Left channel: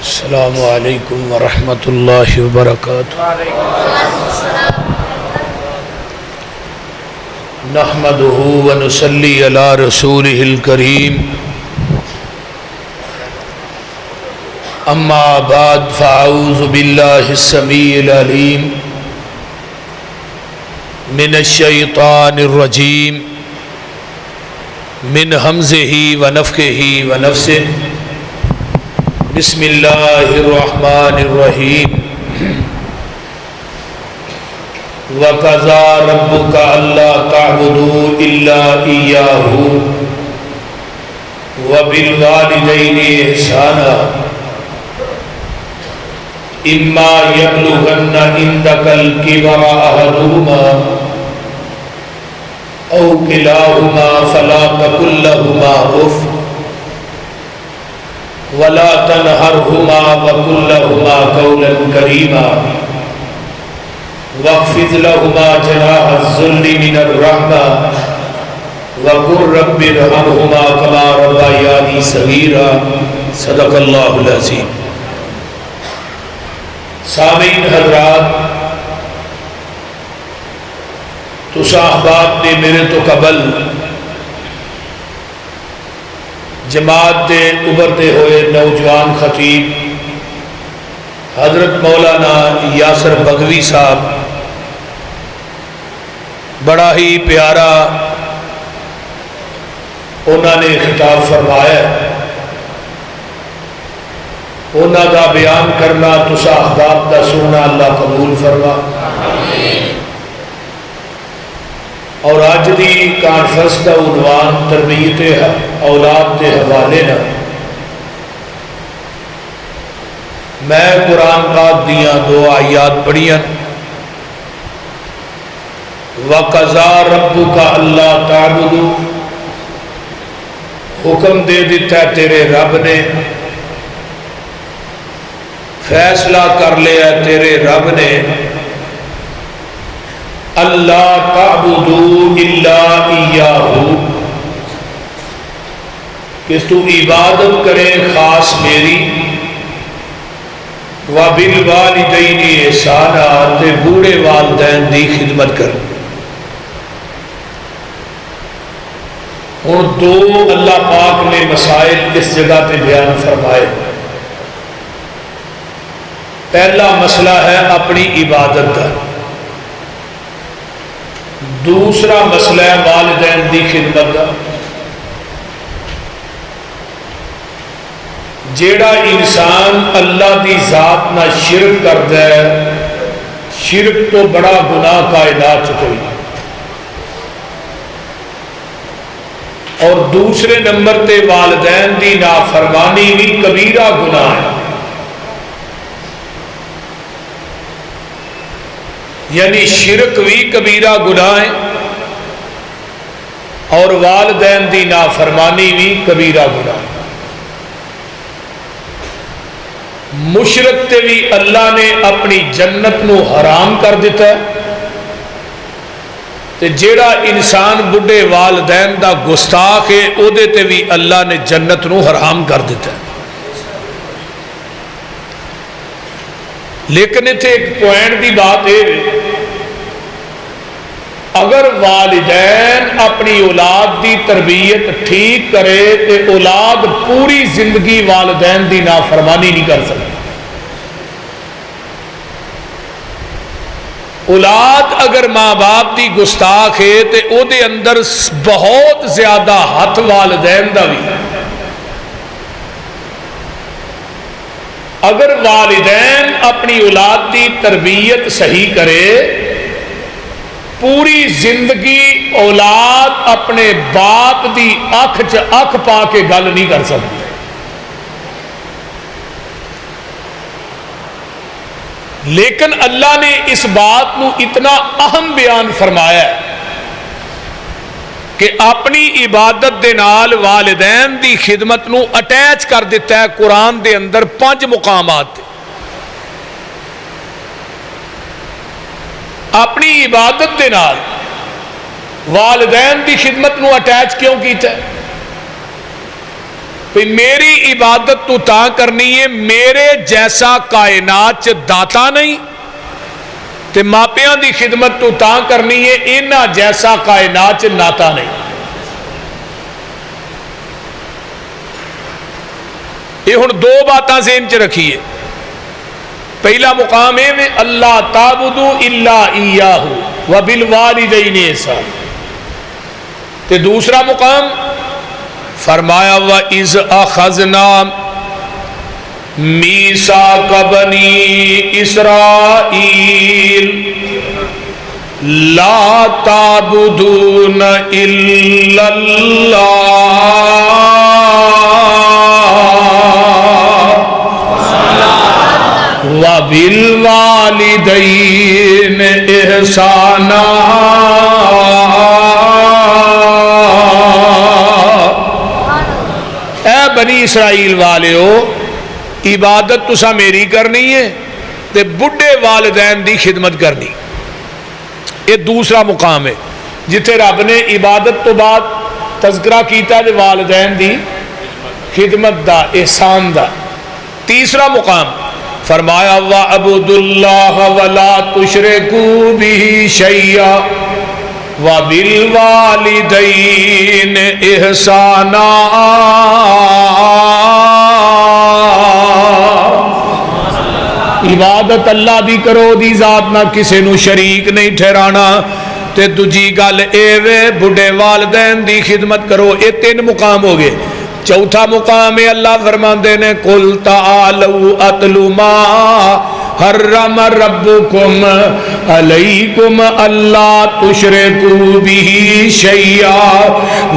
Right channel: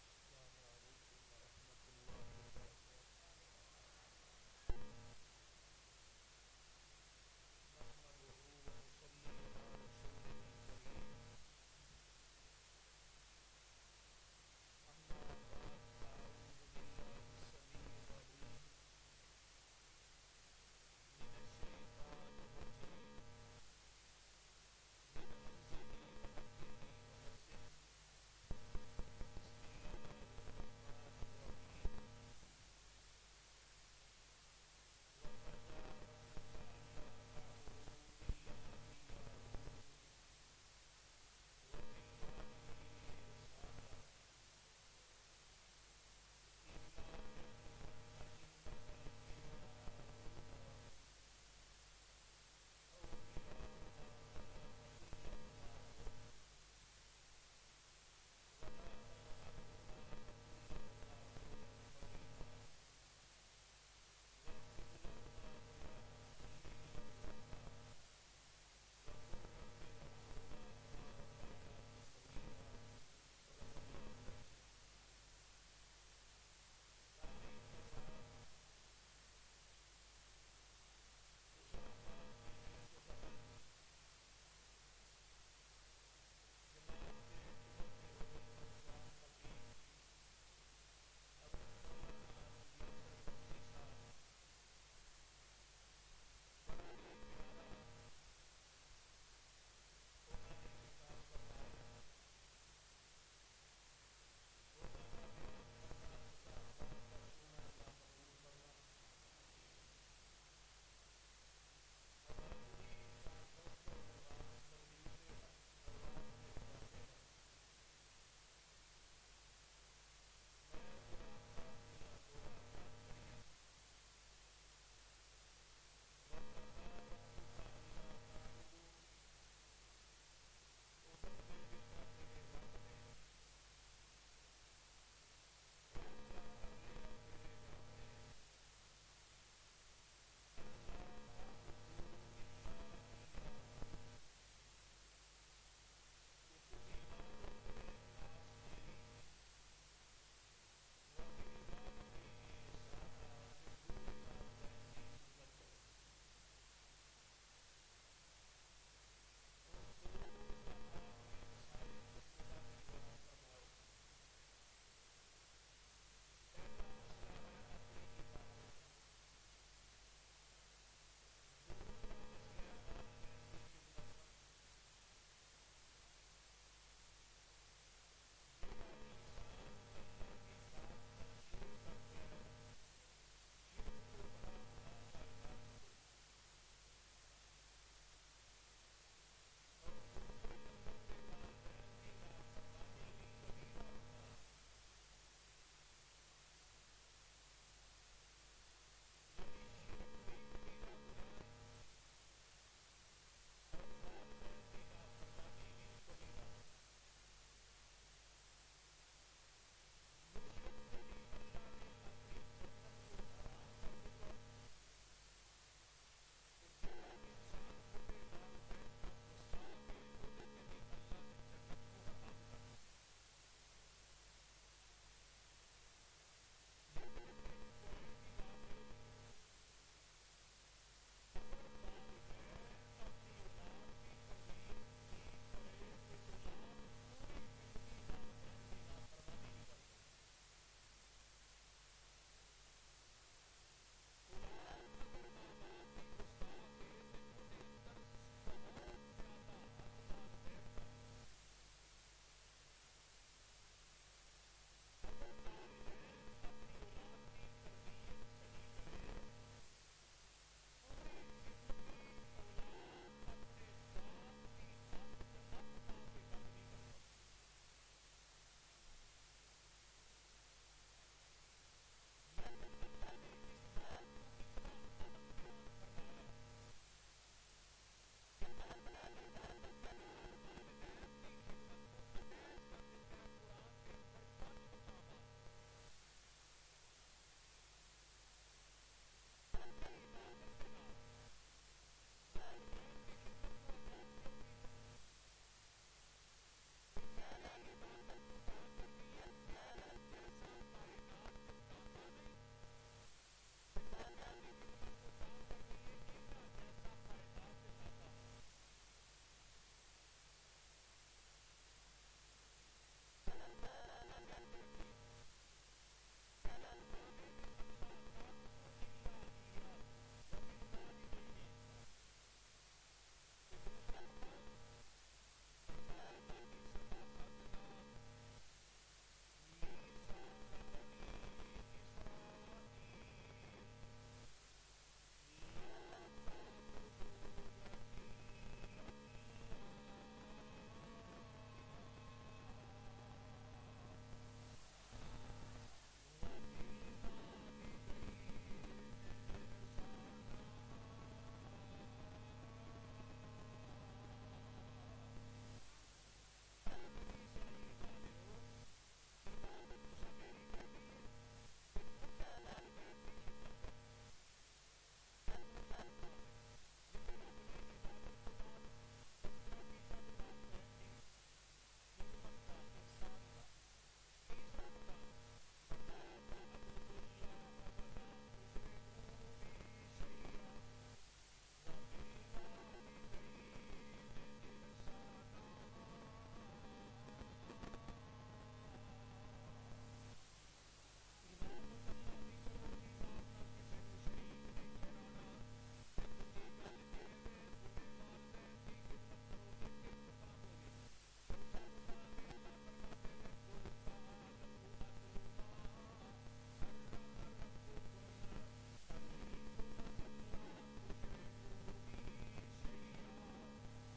السلام علیکم ورحمۃ اللہ وبرکاتہ۔ نحمدہ ونصلی علی رسولہ الکریم، اما بعد فاعوذ باللہ السمیع العلیم من الشیطان الرجیم من ہمزہ ونفخہ ونفثہ۔ بسم اللہ الرحمن الرحیم۔ وَقَضَىٰ رَبُّكَ أَلَّا تَعْبُدُوا إِلَّا إِيَّاهُ وَبِالْوَالِدَيْنِ إِحْسَانًا إِمَّا يَبْلُغَنَّ عِندَكَ الْكِبَرَ أَحَدُهُمَا أَوْ كِلَاهُمَا فَلَا تَقُل لَّهُمَا أُفٍّ وَلَا تَنْهَرْهُمَا وَقُل لَّهُمَا قَوْلًا كَرِيمًا وَاخْفِضْ لَهُمَا جَنَاحَ الذُّلِّ مِنَ الرَّحْمَةِ وَقُل رَّبِّ ارْحَمْهُمَا كَمَا رَبَّيَانِي صَغِيرًا۔ صدق اللہ العظیم۔ سامعین حضرات، تساں احباب نے میرے تو قبل جماعت دے ابھرتے ہوئے نوجوان خطیب حضرت مولانا یاسر بغوی صاحب بڑا ہی پیارا انہوں نے خطاب فرمایا۔ انہوں کا بیان کرنا تساں احباب دا سننا اللہ قبول فرما۔ اور آج دی کانفرنس کا عنوان تربیت اولاد کے حوالے نہ میں قرآن پاک دیاں دو آیات پڑھیاں۔ وَقَضَىٰ رَبُّكَ أَلَّا تَعْبُدُوا، حکم دے دیتا ہے تیرے رب نے، فیصلہ کر لیا تیرے رب نے، اللہ تعبدوا الا ایاہ، کہ تو عبادت کرے خاص میری، وَبِالْوَالِدَيْنِ احسانا، تے بوڑھے والدین دی خدمت کر۔ ہن دو اللہ پاک نے مسائل اس جگہ تے بیان فرمائے۔ پہلا مسئلہ ہے اپنی عبادت کا، دوسرا مسئلہ ہے والدین دی خدمت کا۔ جیڑا انسان اللہ دی ذات نہ شرک کردا ہے، شرک تو بڑا گناہ کائنات چ کوئی، اور دوسرے نمبر تے والدین دی نافرمانی بھی کبیرہ گناہ ہے۔ یعنی شرک بھی کبیرہ گناہ ہے اور والدین دی نافرمانی بھی کبیرہ گناہ ہے۔ مشرک تے بھی اللہ نے اپنی جنت نو حرام کر دیتا ہے، تے جیڑا انسان بڑھے والدین دا گستاخ ہے او دے تے بھی اللہ نے جنت نو حرام کر دیتا ہے۔ لیکن اتنے ایک پوائنٹ دی بات ہے، اگر والدین اپنی اولاد دی تربیت ٹھیک کرے تو اولاد پوری زندگی والدین دی نافرمانی نہیں کر سکتی۔ اولاد اگر ماں باپ دی گستاخ ہے تو او دے اندر بہت زیادہ ہاتھ والدین دا بھی۔ اگر والدین اپنی اولاد دی تربیت صحیح کرے، پوری زندگی اولاد اپنے باپ دی اکھ چ اکھ پا کے گل نہیں کر سکتی۔ لیکن اللہ نے اس بات نو اتنا اہم بیان فرمایا ہے کہ اپنی عبادت دے نال والدین دی خدمت نو اٹیچ کر دیتا ہے قرآن دے اندر 5 مقامات۔ اپنی عبادت دے نال والدین دی خدمت نو اٹیچ کیوں کیتا ہے؟ کہ میری عبادت تو تا کرنی ہے میرے جیسا کائنات چ داتا نہیں، تے ماپیاں دی خدمت تو تا کرنی ہے انہاں جیسا کائنات چ ناتا نہیں۔ یہ ہن دو باتاں ذہن چ رکھیے۔ پہلا مقام ہے میں اللہ تعبدو الا ایاہ وبالوالدین احسان، تے دوسرا مقام فرمایا وَإِذْ أَخَذْنَا مِيثَاقَ بَنِي إِسْرَائِيلَ لَا تَعْبُدُونَ إِلَّا اللَّهَ وَبِالْوَالِدَيْنِ إِحْسَانًا۔ بنی اسرائیل والیو عبادت تسا میری کرنی ہے تے بڑھے والدین دی خدمت کرنی۔ یہ دوسرا مقام ہے جتھے رب نے عبادت تو بعد تذکرہ کیتا ہے والدین دی خدمت دا، احسان دا۔ تیسرا مقام فرمایا وَعَبُدُ اللَّهَ وَلَا تُشْرِكُوا بِهِ شَيْئًا وَبِالْوَالِدَيْنِ إِحْسَانًا۔ عبادت اللہ دی کرو دی ذات نہ کسے نو شریک نہیں ٹھہرانا، تے دوجی گل اے وے بڑھے والدین دی خدمت کرو۔ اے تین مقام ہو گئے۔ چوتھا مقام ہے اللہ فرماندے نے قُلْ تَعَالَوْا أَتْلُ مَا حَرَّمَ رَبُّكُمْ عَلَيْكُمْ أَلَّا تُشْرِكُوا بِهِ شَيْئًا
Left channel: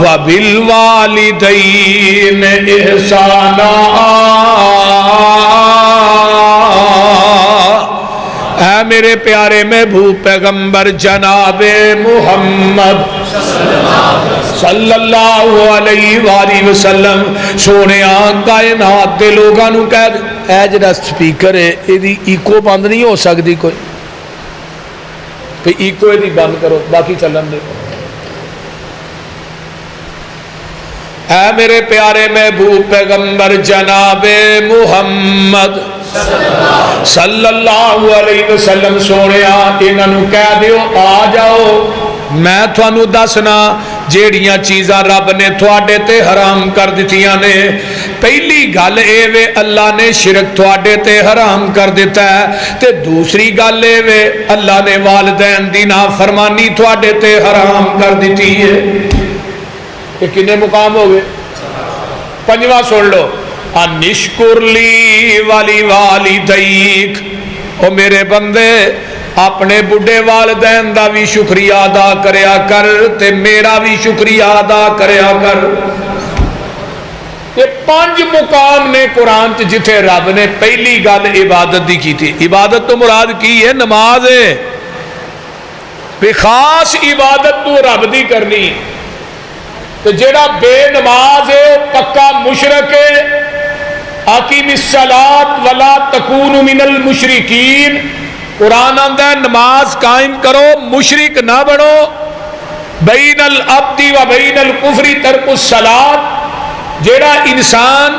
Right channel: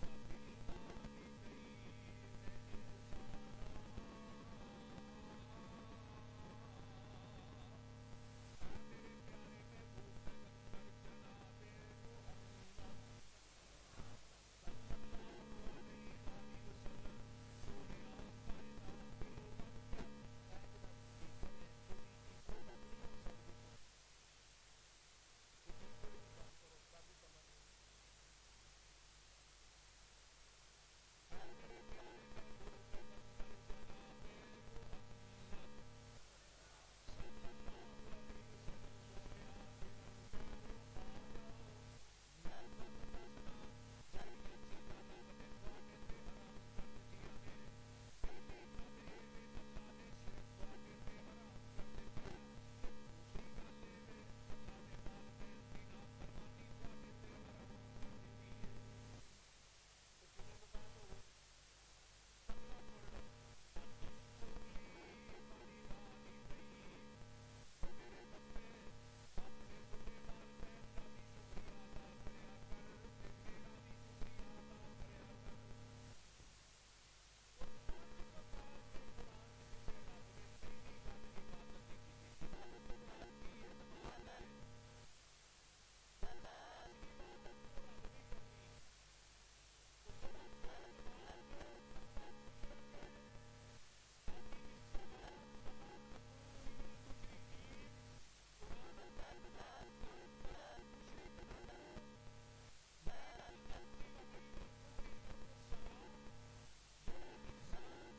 وَبِالْوَالِدَيْنِ إِحْسَانًا۔ اے میرے پیارے محبوب پیغمبر جناب محمد صلی اللہ علیہ وآلہ وسلم سونے کائنات دے لوگاں نو کہہ دے اے جڑا سپیکر ہے ایدی ایکو بند نہیں ہو سکتی کوئی، پھر ایکو ایدی بند کرو باقی چلن دے۔ اے میرے پیارے محبوب پیغمبر جناب محمد صلی اللہ علیہ وسلم سونے انہاں نو کہہ دیو آ جاؤ میں تھانو دسنا جیڑیاں چیزاں رب نے تھوڑے تے حرام کر دیتیاں نے۔ پہلی گل اے وے اللہ نے شرک تھوڑے تے حرام کر دیتا ہے، تے دوسری گل اے وے اللہ نے والدین دی نافرمانی تھوڑے تے حرام کر دیتی ہے۔ یہ کنے مقام ہو گئے؟ پنجواں سن لو انشکر لی والی والدیک، او میرے بندے اپنے بڑھے والدین دا بھی شکریہ ادا کریا کر تے میرا بھی شکریہ ادا کریا کر۔ یہ 5 مقام نے قرآن چ جتھے رب نے پہلی گل عبادت دی کی تھی۔ عبادت تو مراد کی ہے نماز ہے، بے خاص عبادت تو رب دی کرنی، تو جیڑا بے نماز ہے پکا مشرک ہے۔ اقیم الصلاۃ ولا تکونوا من المشرکین، قرآن آندا ہے نماز قائم کرو مشرک نہ بنو۔ بین العبد و بین الکفر ترک الصلاۃ، جیڑا انسان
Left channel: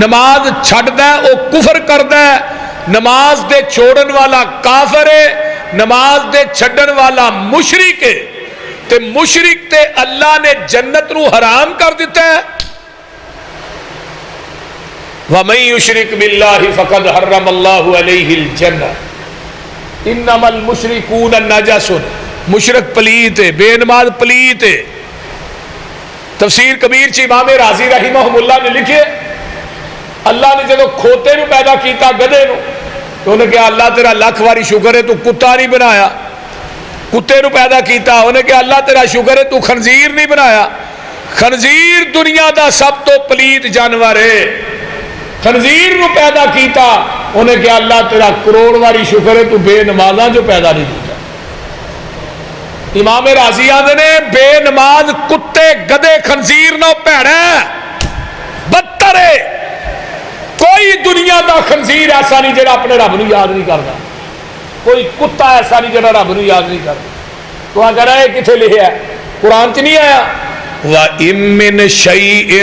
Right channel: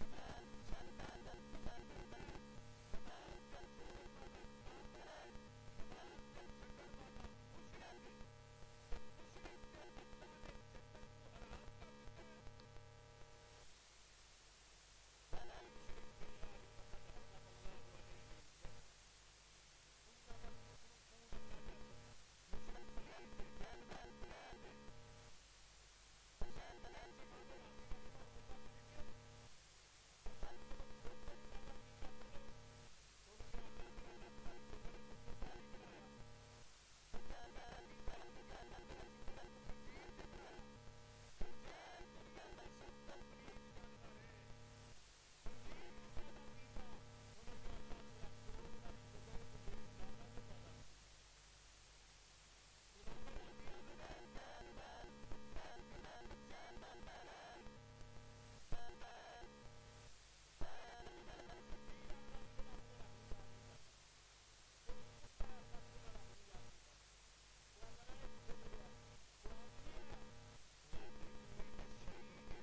نماز چھڑدا ہے وہ کفر کردا ہے، نماز دے چھوڑن والا کافر ہے، نماز دے چھڑن والا مشرک ہے، تے مشرک تے اللہ نے جنت نو حرام کر دیتا ہے۔ وَمَن يُشْرِكْ بِاللَّهِ فَقَدْ حَرَّمَ اللَّهُ عَلَيْهِ الْجَنَّةَ انما المشرکون النجس، مشرک پلیت ہے، بے نماز پلیت ہے۔ تفسیر کبیر چ امام رازی رحمہ اللہ نے لکھے اللہ نے جدو کھوتے نو پیدا کیتا گدے نو تو انہیں کہا اللہ تیرا لاکھ واری شکر ہے تو کتا نہیں بنایا۔ کتے نو پیدا کیتا انہیں کہا اللہ تیرا شکر ہے تو خنزیر نہیں بنایا۔ خنزیر دنیا دا سب تو پلیت جانور ہے۔ خنزیر نو پیدا کیتا انہیں کہا اللہ تیرا کروڑ واری شکر ہے تو بے نمازاں جو پیدا نہیں کیتا۔ امام رازی آدھے نے بے نماز کتے گدے خنزیر نو پیڑا بدتر ہے۔ کوئی دنیا دا خنزیر ایسا نہیں جڑا اپنے رب نو یاد نہیں کرتا، کوئی کتا ایسا نہیں جڑا رب نو یاد نہیں کرتا۔ تو کہہ رہا ہے کتنے لکھا ہے؟ قرآن چ نہیں آیا وَإِن مِّن شَيْءٍ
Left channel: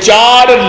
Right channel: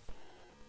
4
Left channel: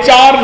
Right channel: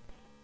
4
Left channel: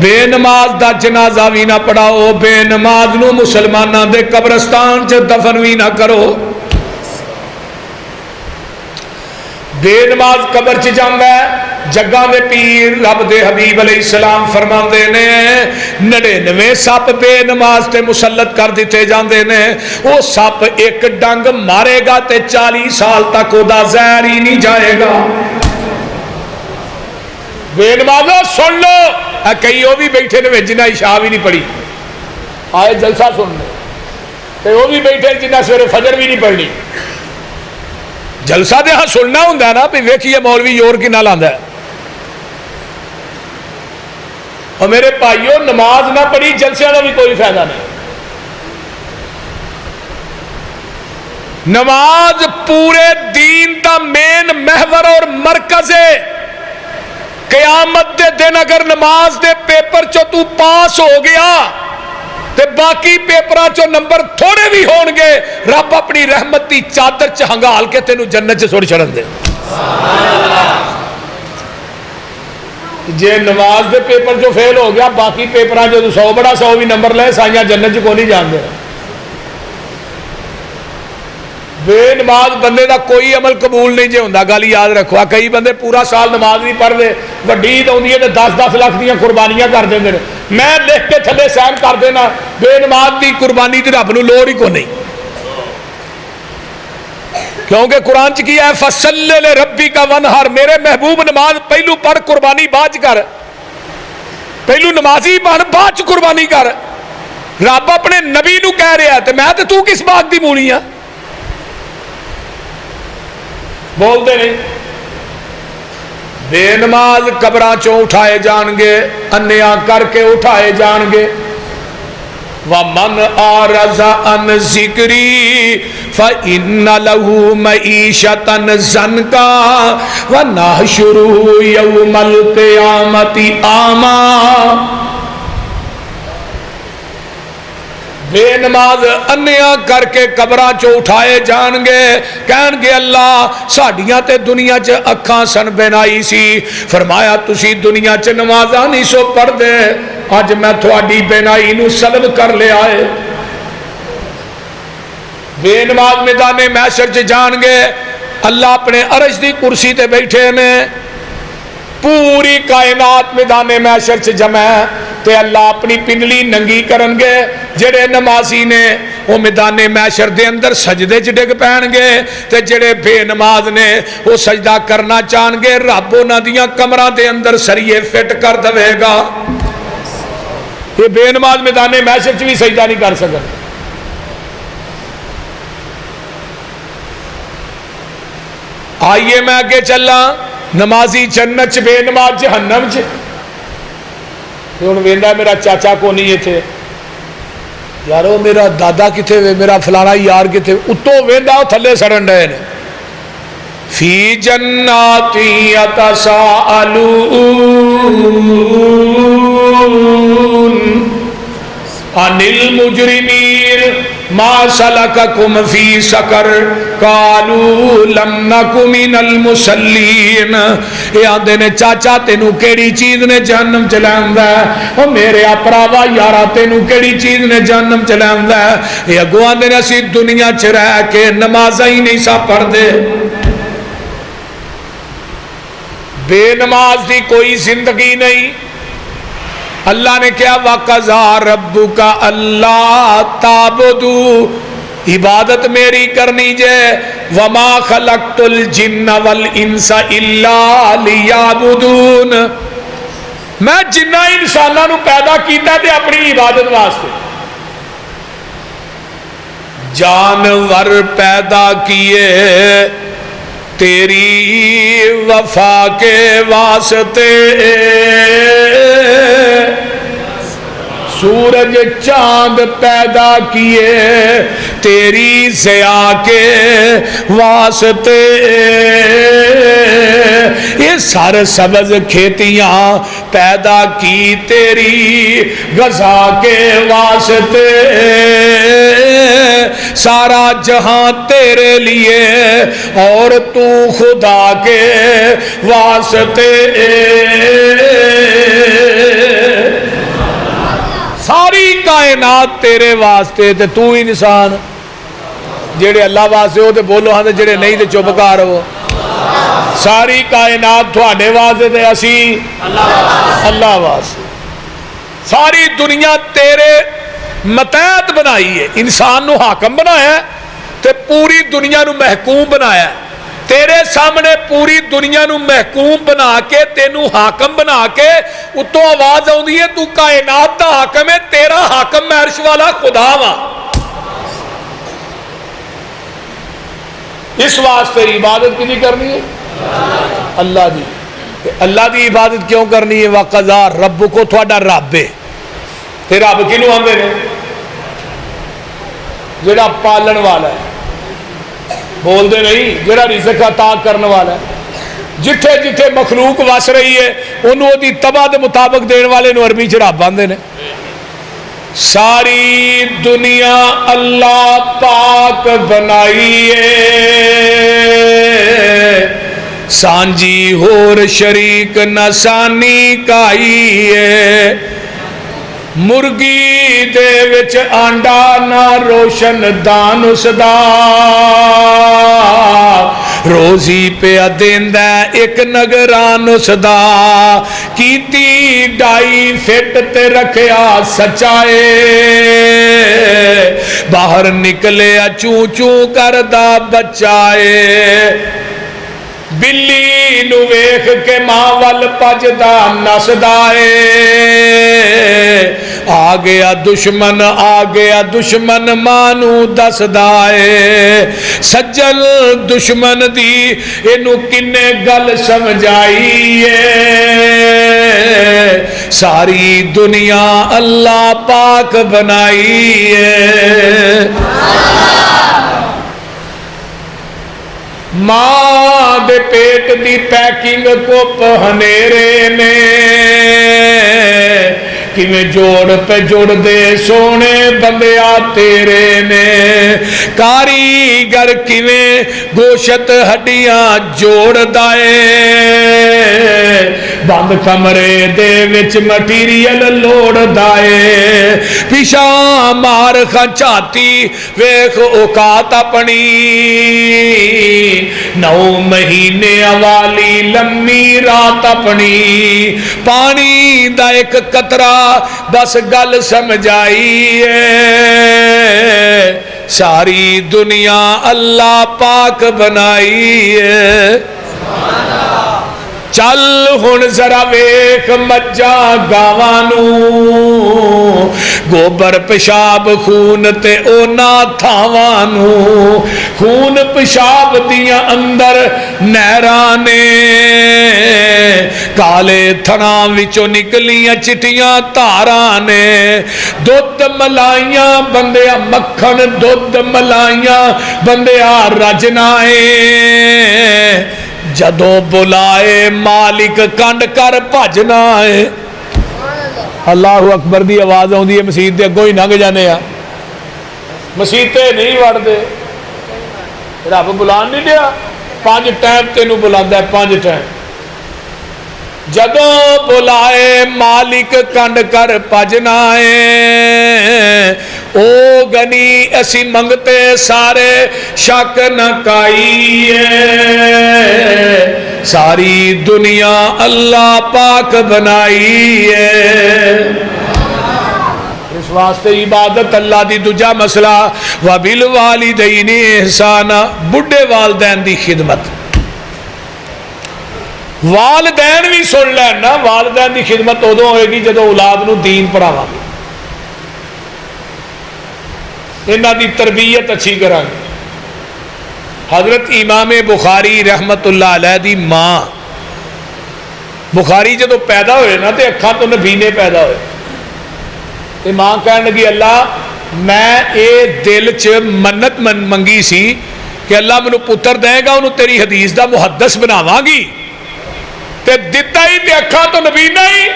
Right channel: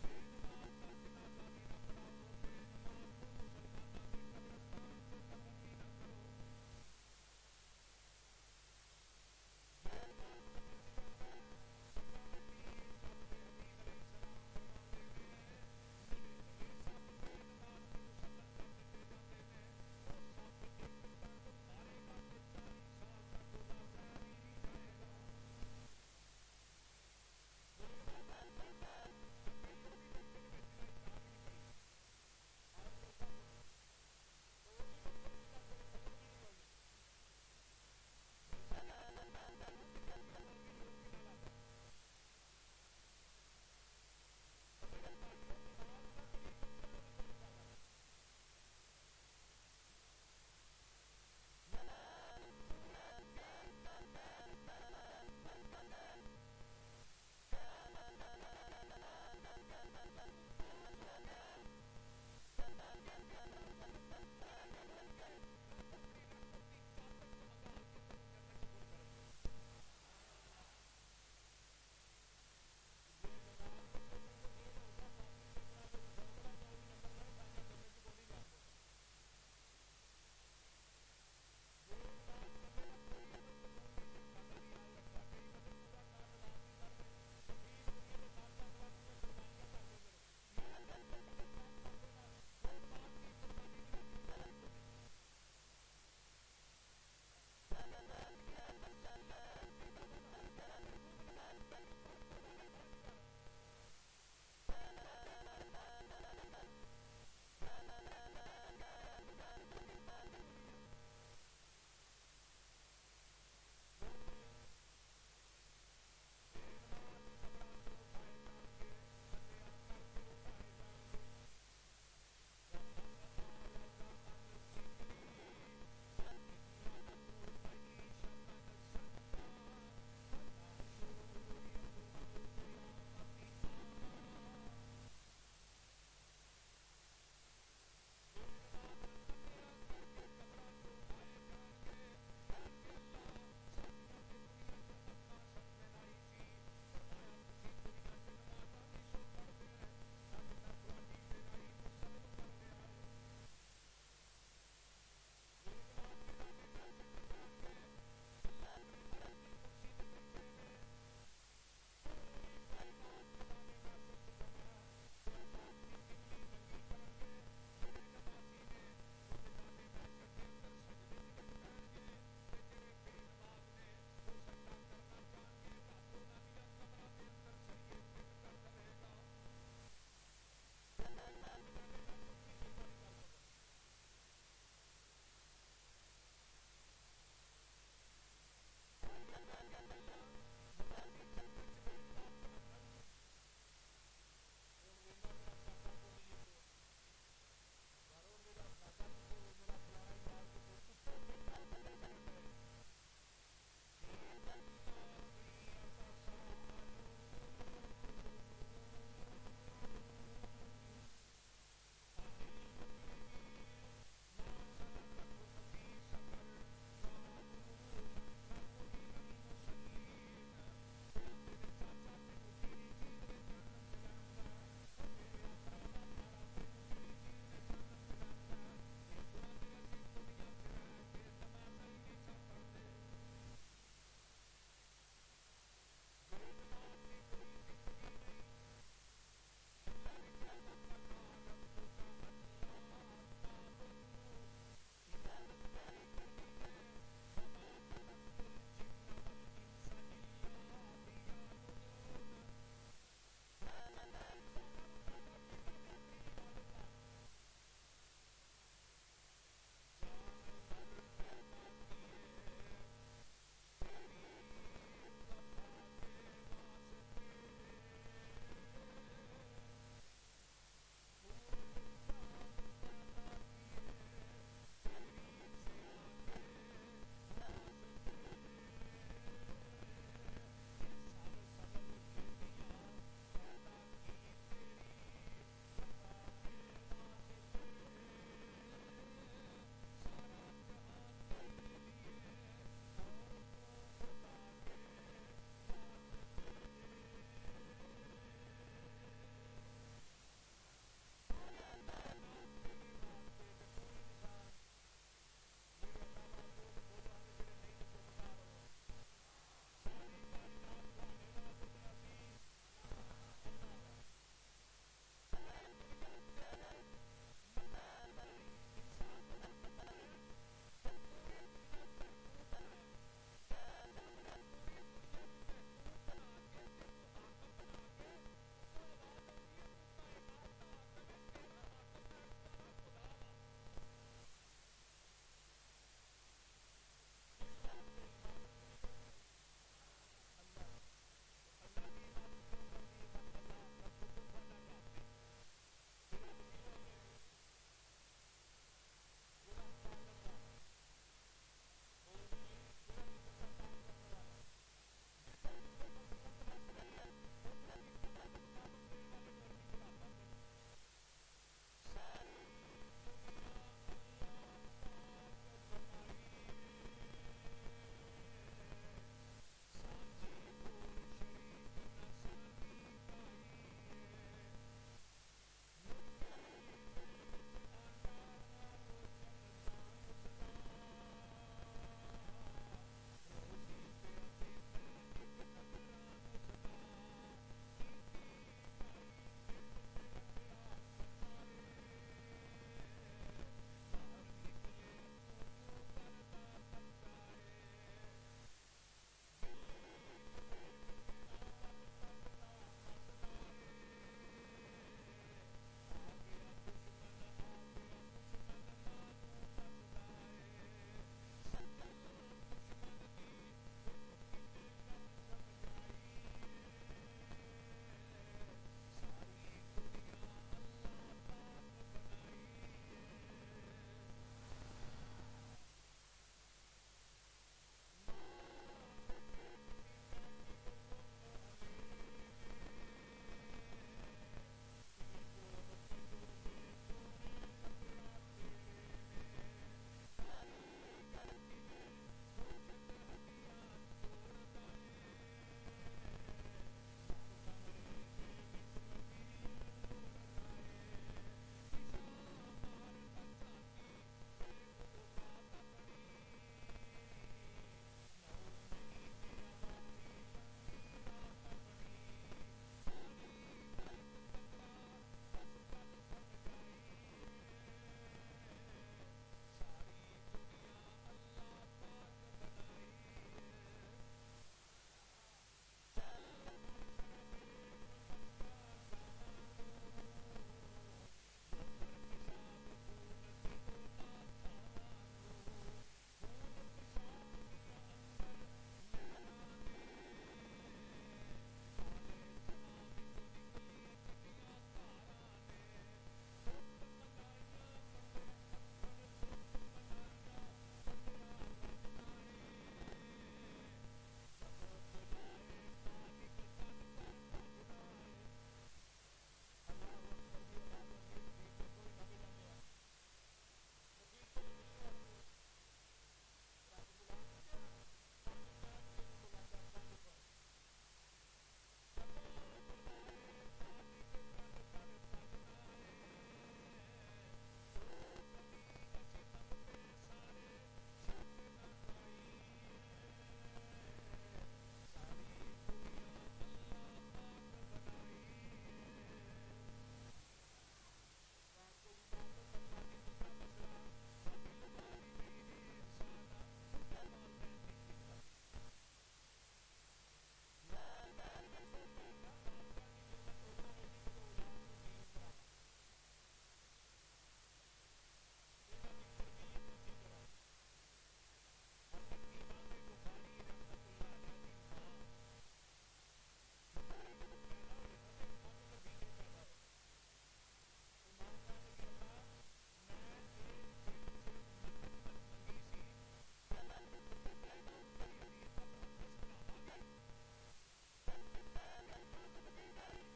بے نماز دا جنازہ بھی نہ پڑھاؤ، بے نماز نو مسلماناں دے قبرستان چ دفن بھی نہ کرو۔ بے نماز قبر چ جاندا ہے، جگاں دے پیر رب دے حبیب علیہ السلام فرماندے نے 99 سپ بے نماز تے مسلط کر دیتے جاندے نے، وہ سپ ایک ڈنگ مارے گا تے 40 سال تک او دا زہر ہی نہیں جائے گا۔ بے نمازو سن لو، کئی وہ بھی بیٹھے نے جنہیں عشاء بھی نہیں پڑھی، آئے جلسہ سننے، تے وہ بھی بیٹھے جنہیں سویرے فجر بھی نہیں پڑھنی۔ جلسہ دے ہاں سننا ہوں نا بھی ویکھیے مولوی یور کی نہ لاندا ہے۔ اور میرے بھائیو نماز نہ پڑھی جلسے کا بھی کوئی فائدہ نہیں۔ نماز پورے دین دا مین محور اور مرکز ہے۔ قیامت دے دن اگر نماز دے پیپر چو تو پاس ہو گیا تے باقی پیپرہ چو نمبر تھوڑے بھی ہون گے، رب اپنی رحمت دی چادر چ ہنگال کے تینوں جنت چ سوڑ چھڑن دے۔ جے نماز دے پیپر جو فیل ہو گیا باقی پیپرہ جو 100 بڑا 100 بھی نمبر لے سائیاں جنت چ کو نہیں جان دے۔ بے نماز بندے دا کوئی عمل قبول نہیں جے ہوندا، گل یاد رکھو۔ کئی بندے پورا سال نماز نہیں پڑھ دے، وڈی عید آندی ہے تے 10-10 لاکھ دیاں قربانیاں کر دیندے نے۔ میں لکھ کے تھلے سائن کر دینا بے نماز دی قربانی تے رب نوں لوڑ ہی کو نہیں، کیونکہ قرآن چ کیا ہے فصل لربک وانحر، میرے محبوب نماز پہلو پڑھ قربانی بعد کر، پہلو نمازی بن بعد قربانی کر۔ رب اپنے نبی نو کہہ رہا ہے تے میں تے تو کس بات دی مونی ہاں؟ بول دے نہیں۔ بے نماز قبراں چوں اٹھائے جان گے، انیا کر کے اٹھائے جان گے۔ وَمَنْ أَعْرَضَ عَنْ ذِكْرِي فَإِنَّ لَهُ مَعِيشَةً ضَنْكًا وَنَحْشُرُهُ يَوْمَ الْقِيَامَةِ أَعْمَىٰ۔ بے نماز انیا کر کے قبراں چو اٹھائے جان گے، کہن گے اللہ ساڑیاں تے دنیا چ اکھاں سن بینائی سی، فرمایا تسی دنیا چ نمازاں نہیں سو پڑھ دے، آج میں تھوڑی بینائی نو سلب کر لے آئے۔ بے نماز میدان محشر چ جان گے، اللہ اپنے عرش دی کرسی تے بیٹھے نے، پوری کائنات میدان محشر چ جمع ہے، تے اللہ اپنی پنڈلی ننگی کرن گے، جڑے نمازی نے وہ میدان محشر دے اندر سجدے چ ڈگ پین گے، تے جڑے بے نماز نے وہ سجدہ کرنا چاہن گے، رب انہاں دیاں کمراں دے اندر سریے فٹ کر دے گا۔ یہ بے نماز میدان محشر چ بھی سجدہ نہیں کر سکتے۔ آئیے میں آگے چلا، نمازی جنت چ، بے نماز جہنم چ۔ ہوں ویندا میرا چاچا کو نہیں تھے، یارو میرا دادا کتنے وے، میرا فلانا یار کتنے، اتوں ویندا تھلے سڑن رہے نے۔ فی جنات یتساءلون عن المجرمین ما سلککم فی سقر قالوا لم نک من المصلین۔ یہ آندے نے چاچا تینوں کیڑی چیز نے جہنم چلاندا ہے، او میرے اپراوا یارا تینوں کیڑی چیز نے جہنم چلاندا ہے۔ یہ اگوں آندے نے اسی دنیا چ رہ کے نمازاں ہی نہیں سا پڑھ دے۔ بے نماز دی کوئی زندگی نہیں۔ اللہ نے کیا وَقَضَىٰ رَبُّكَ أَلَّا تَعْبُدُوا، عبادت میری کرنی جے، وَمَا خَلَقْتُ الْجِنَّ وَالْإِنسَ إِلَّا لِيَعْبُدُونَ، میں جنہ انسانوں نو پیدا کیتا تے اپنی عبادت واسطے۔ جانور پیدا کیے تیری وفا کے واسطے، سورج چاند پیدا کیے تیری ضیاء کے واسطے، یہ سر سبز کھیتیاں پیدا کی تیری غذا کے واسطے، سارا جہاں تیرے لیے اور تو خدا کے واسطے۔ ساری کائنات تیرے واسطے تے تو انسان جڑے اللہ واسطے ہو تے بولو ہاں تے جڑے نہیں تے چپ کر ہو ساری کائنات تھوڑے واسطے تے اسی اللہ واسطے ساری دنیا تیرے متحد بنائی ہے انسان نو حاکم بنایا ہے تے پوری دنیا نو محکوم بنایا ہے تیرے سامنے پوری دنیا نو محکوم بنا کے تینو حاکم بنا کے اتوں آواز آؤندی ہے تو کائنات دا حاکم ہے تیرا حاکم میں عرش والا خدا وا اس واسطے عبادت کی نہیں کرنی ہے اللہ دی اللہ دی عبادت کیوں کرنی ہے وَقَضَى رَبُّكُمْ تھوڑا رب ہے تے رب کینوں آندے نے جڑا پالن والا ہے بول دے نہیں جڑا رزق عطا کرنے والا ہے جتھے جتھے مخلوق وس رہی ہے انہوں دی تباہ دے مطابق دین والے نو عربی چ رب آندے نے ساری دنیا اللہ پاک بنائی ہے سانجی ہور شریک نہ سانی کائی ہے مرگی دے وچ آنڈا نہ روشن دان اس دا روزی پہ دیندہ ایک نگران اس دا کیتی ڈائی فٹ تے رکھیا سچائے باہر نکلے چوں چوں کردہ بچائے بلی نو ویکھ کے ماں ول پجدا نسدائے آ گیا دشمن مانو دسدائے سجل دشمن دی اینو کنے گل سمجھائیے ساری دنیا اللہ پاک بنائیے ماں دے پیٹ دی پیکنگ کو پہنیرے نے کیویں جوڑ پہ جوڑ دے سونے بندیا تیرے نے کاریگر کیویں گوشت ہڈیاں جوڑ دائے بند کمرے دے وچ مٹیریل لوڑ دائے پیشا مار کھچاتی ویکھ اوقات اپنی 9 مہینے والی لمبی رات اپنی پانی دا ایک قطرہ بس گل سمجھائیے ساری دنیا اللہ پاک بنائیے چل ہن ذرا ویکھ مجھا گاوانو گوبر پیشاب خون تے اونا تھاوانو خون پیشاب دیاں اندر نہرانے کالے تھنا وچوں نکلیاں چٹیاں تارانے دودھ ملائیاں بندیا مکھن دودھ ملائیاں بندیا رجنائے جدو بلائے مالک کنڈ کر بھجنا ہے اللہ اکبر دی آواز آؤندی ہے مسجد دے اگوں ہی لنگ جانے ہاں مسجد تے نہیں وڑ دے رب بلان نہیں دیا 5 ٹائم تینوں بلاندا ہے 5 ٹائم جدو بلائے مالک کنڈ کر بھجنا ہے او گنی اسی منگتے سارے شک نہ کائیے ساری دنیا اللہ پاک بنائیے اس واسطے عبادت اللہ دی دوجا مسئلہ وَبِالْوَالِدَيْنِ احسانا بڑھے والدین دی خدمت والدین بھی سن لینا والدین دی خدمت ادو ہوئے گی جدو اولاد نو دین پڑھاواں گے انہاں دی تربیت اچھی کریں گے حضرت امام بخاری رحمت اللہ علیہ دی ماں بخاری جدو پیدا ہوئے نا تے اکھاں تو نبینے پیدا ہوئے تے ماں کہنے لگی اللہ میں اے دل چ منت منگی سی کہ اللہ منو پتر دے گا انہوں تیری حدیث دا محدث بناواں گی تے دتا ہی تے اکھاں تو نبینا ہی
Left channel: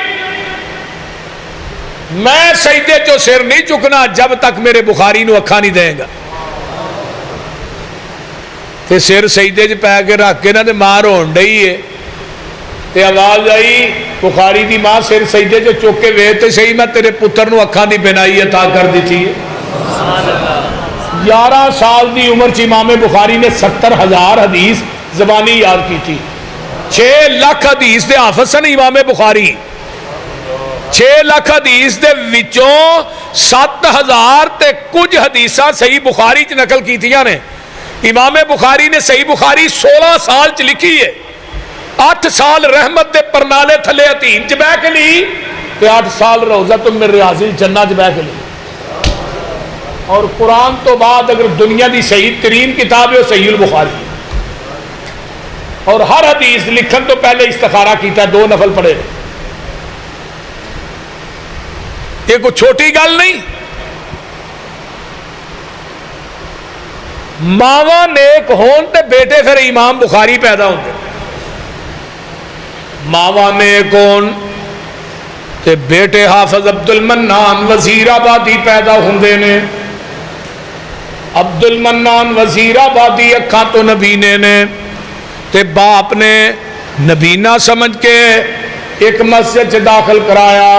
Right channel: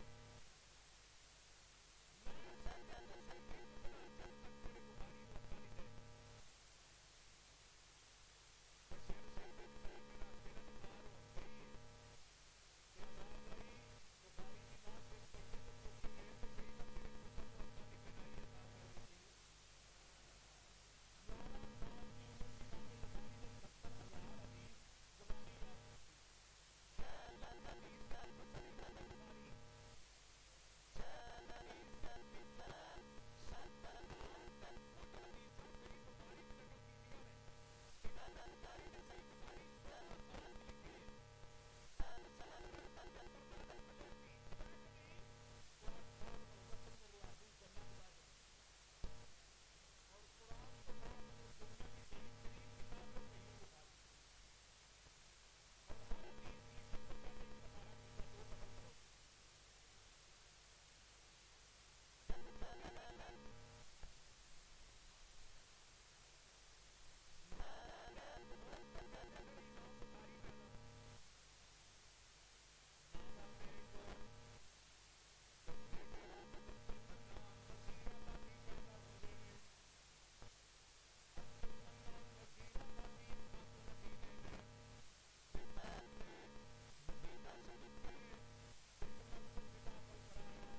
میں سجدے چو سر نہیں چکنا جب تک میرے بخاری نو اکھاں نہیں دیں گا تے سر سجدے چ پے کے رکھ کے نا تے ماں رون ڈئی ہے تے آواز آئی بخاری دی ماں سر سجدے جو چوک کے وے تے صحیح میں تیرے پتر نو اکھاں دی بینائی عطا کر دیتی ہے 11 سال دی عمر چ امام بخاری نے 70,000 حدیث زبانی یاد کی تھی 6 لاکھ حدیث دے حافظ سن امام بخاری 6 لاکھ حدیث دے وچوں 7,000 تے کچھ حدیثاں صحیح بخاری چ نقل کیتیاں نے امام بخاری نے صحیح بخاری 16 سال چ لکھی ہے 8 سال رحمت دے پرنالے تھلے حتیم چ بیٹھ کے لی تے 8 سال روضۃ من ریاض الجنہ چ بیٹھ کے لی اور قرآن تو بعد اگر دنیا دی صحیح ترین کتاب ہے وہ صحیح البخاری اور ہر حدیث لکھن تو پہلے استخارہ کیتا 2 نفل پڑھے یہ کوئی چھوٹی گل نہیں ماواں نیک ہون تے بیٹے پھر امام بخاری پیدا ہوندے ماواں نیک ہون تے بیٹے حافظ عبد المنان وزیر آبادی پیدا ہوندے نے عبد المنان وزیر آبادی اکھاں تو نبینے نے تے باپ نے نبینا سمجھ کے ایک مسجد سے داخل کرایا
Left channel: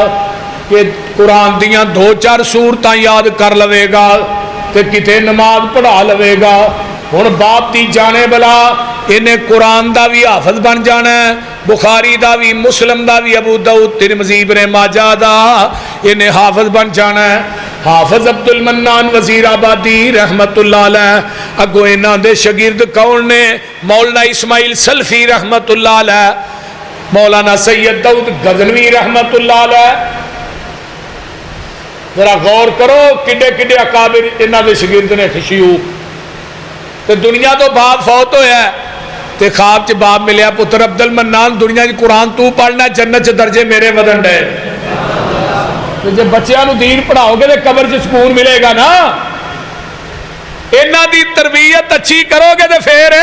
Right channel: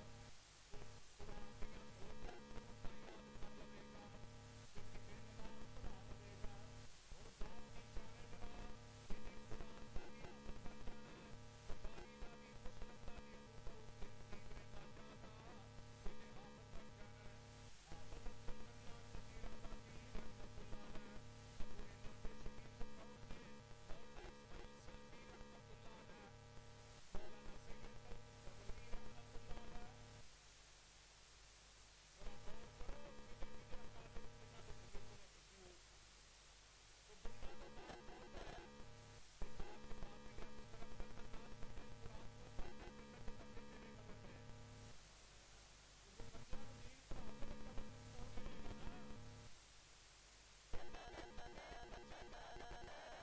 کہ قرآن دیاں 2-4 سورتاں یاد کر لوے گا تے کتے نماز پڑھا لوے گا ہن باپ دی جانے بلا انہیں قرآن دا بھی حافظ بن جانا ہے بخاری دا بھی مسلم دا بھی ابو داؤد ترمذی ابن ماجہ دا انہیں حافظ بن جانا ہے حافظ عبد المنان وزیر آبادی رحمت اللہ علیہ اگو انہاں دے شاگرد کون نے مولانا اسماعیل سلفی رحمت اللہ علیہ مولانا سید داؤد غزنوی رحمت اللہ علیہ ذرا غور کرو کڈے کڈے اکابر انہاں دے شاگرد نے شیوخ تے دنیا تو باپ فوت ہویا ہے تے خواب چ باپ ملیا پتر عبد المنان دنیا دی قرآن تو پڑھنا جنت چ درجے میرے ودن ڈے جب بچیاں نو دین پڑھاؤ گے تو قبر سے سکون ملے گا نا انہاں دی تربیت اچھی کرو گے تو پھر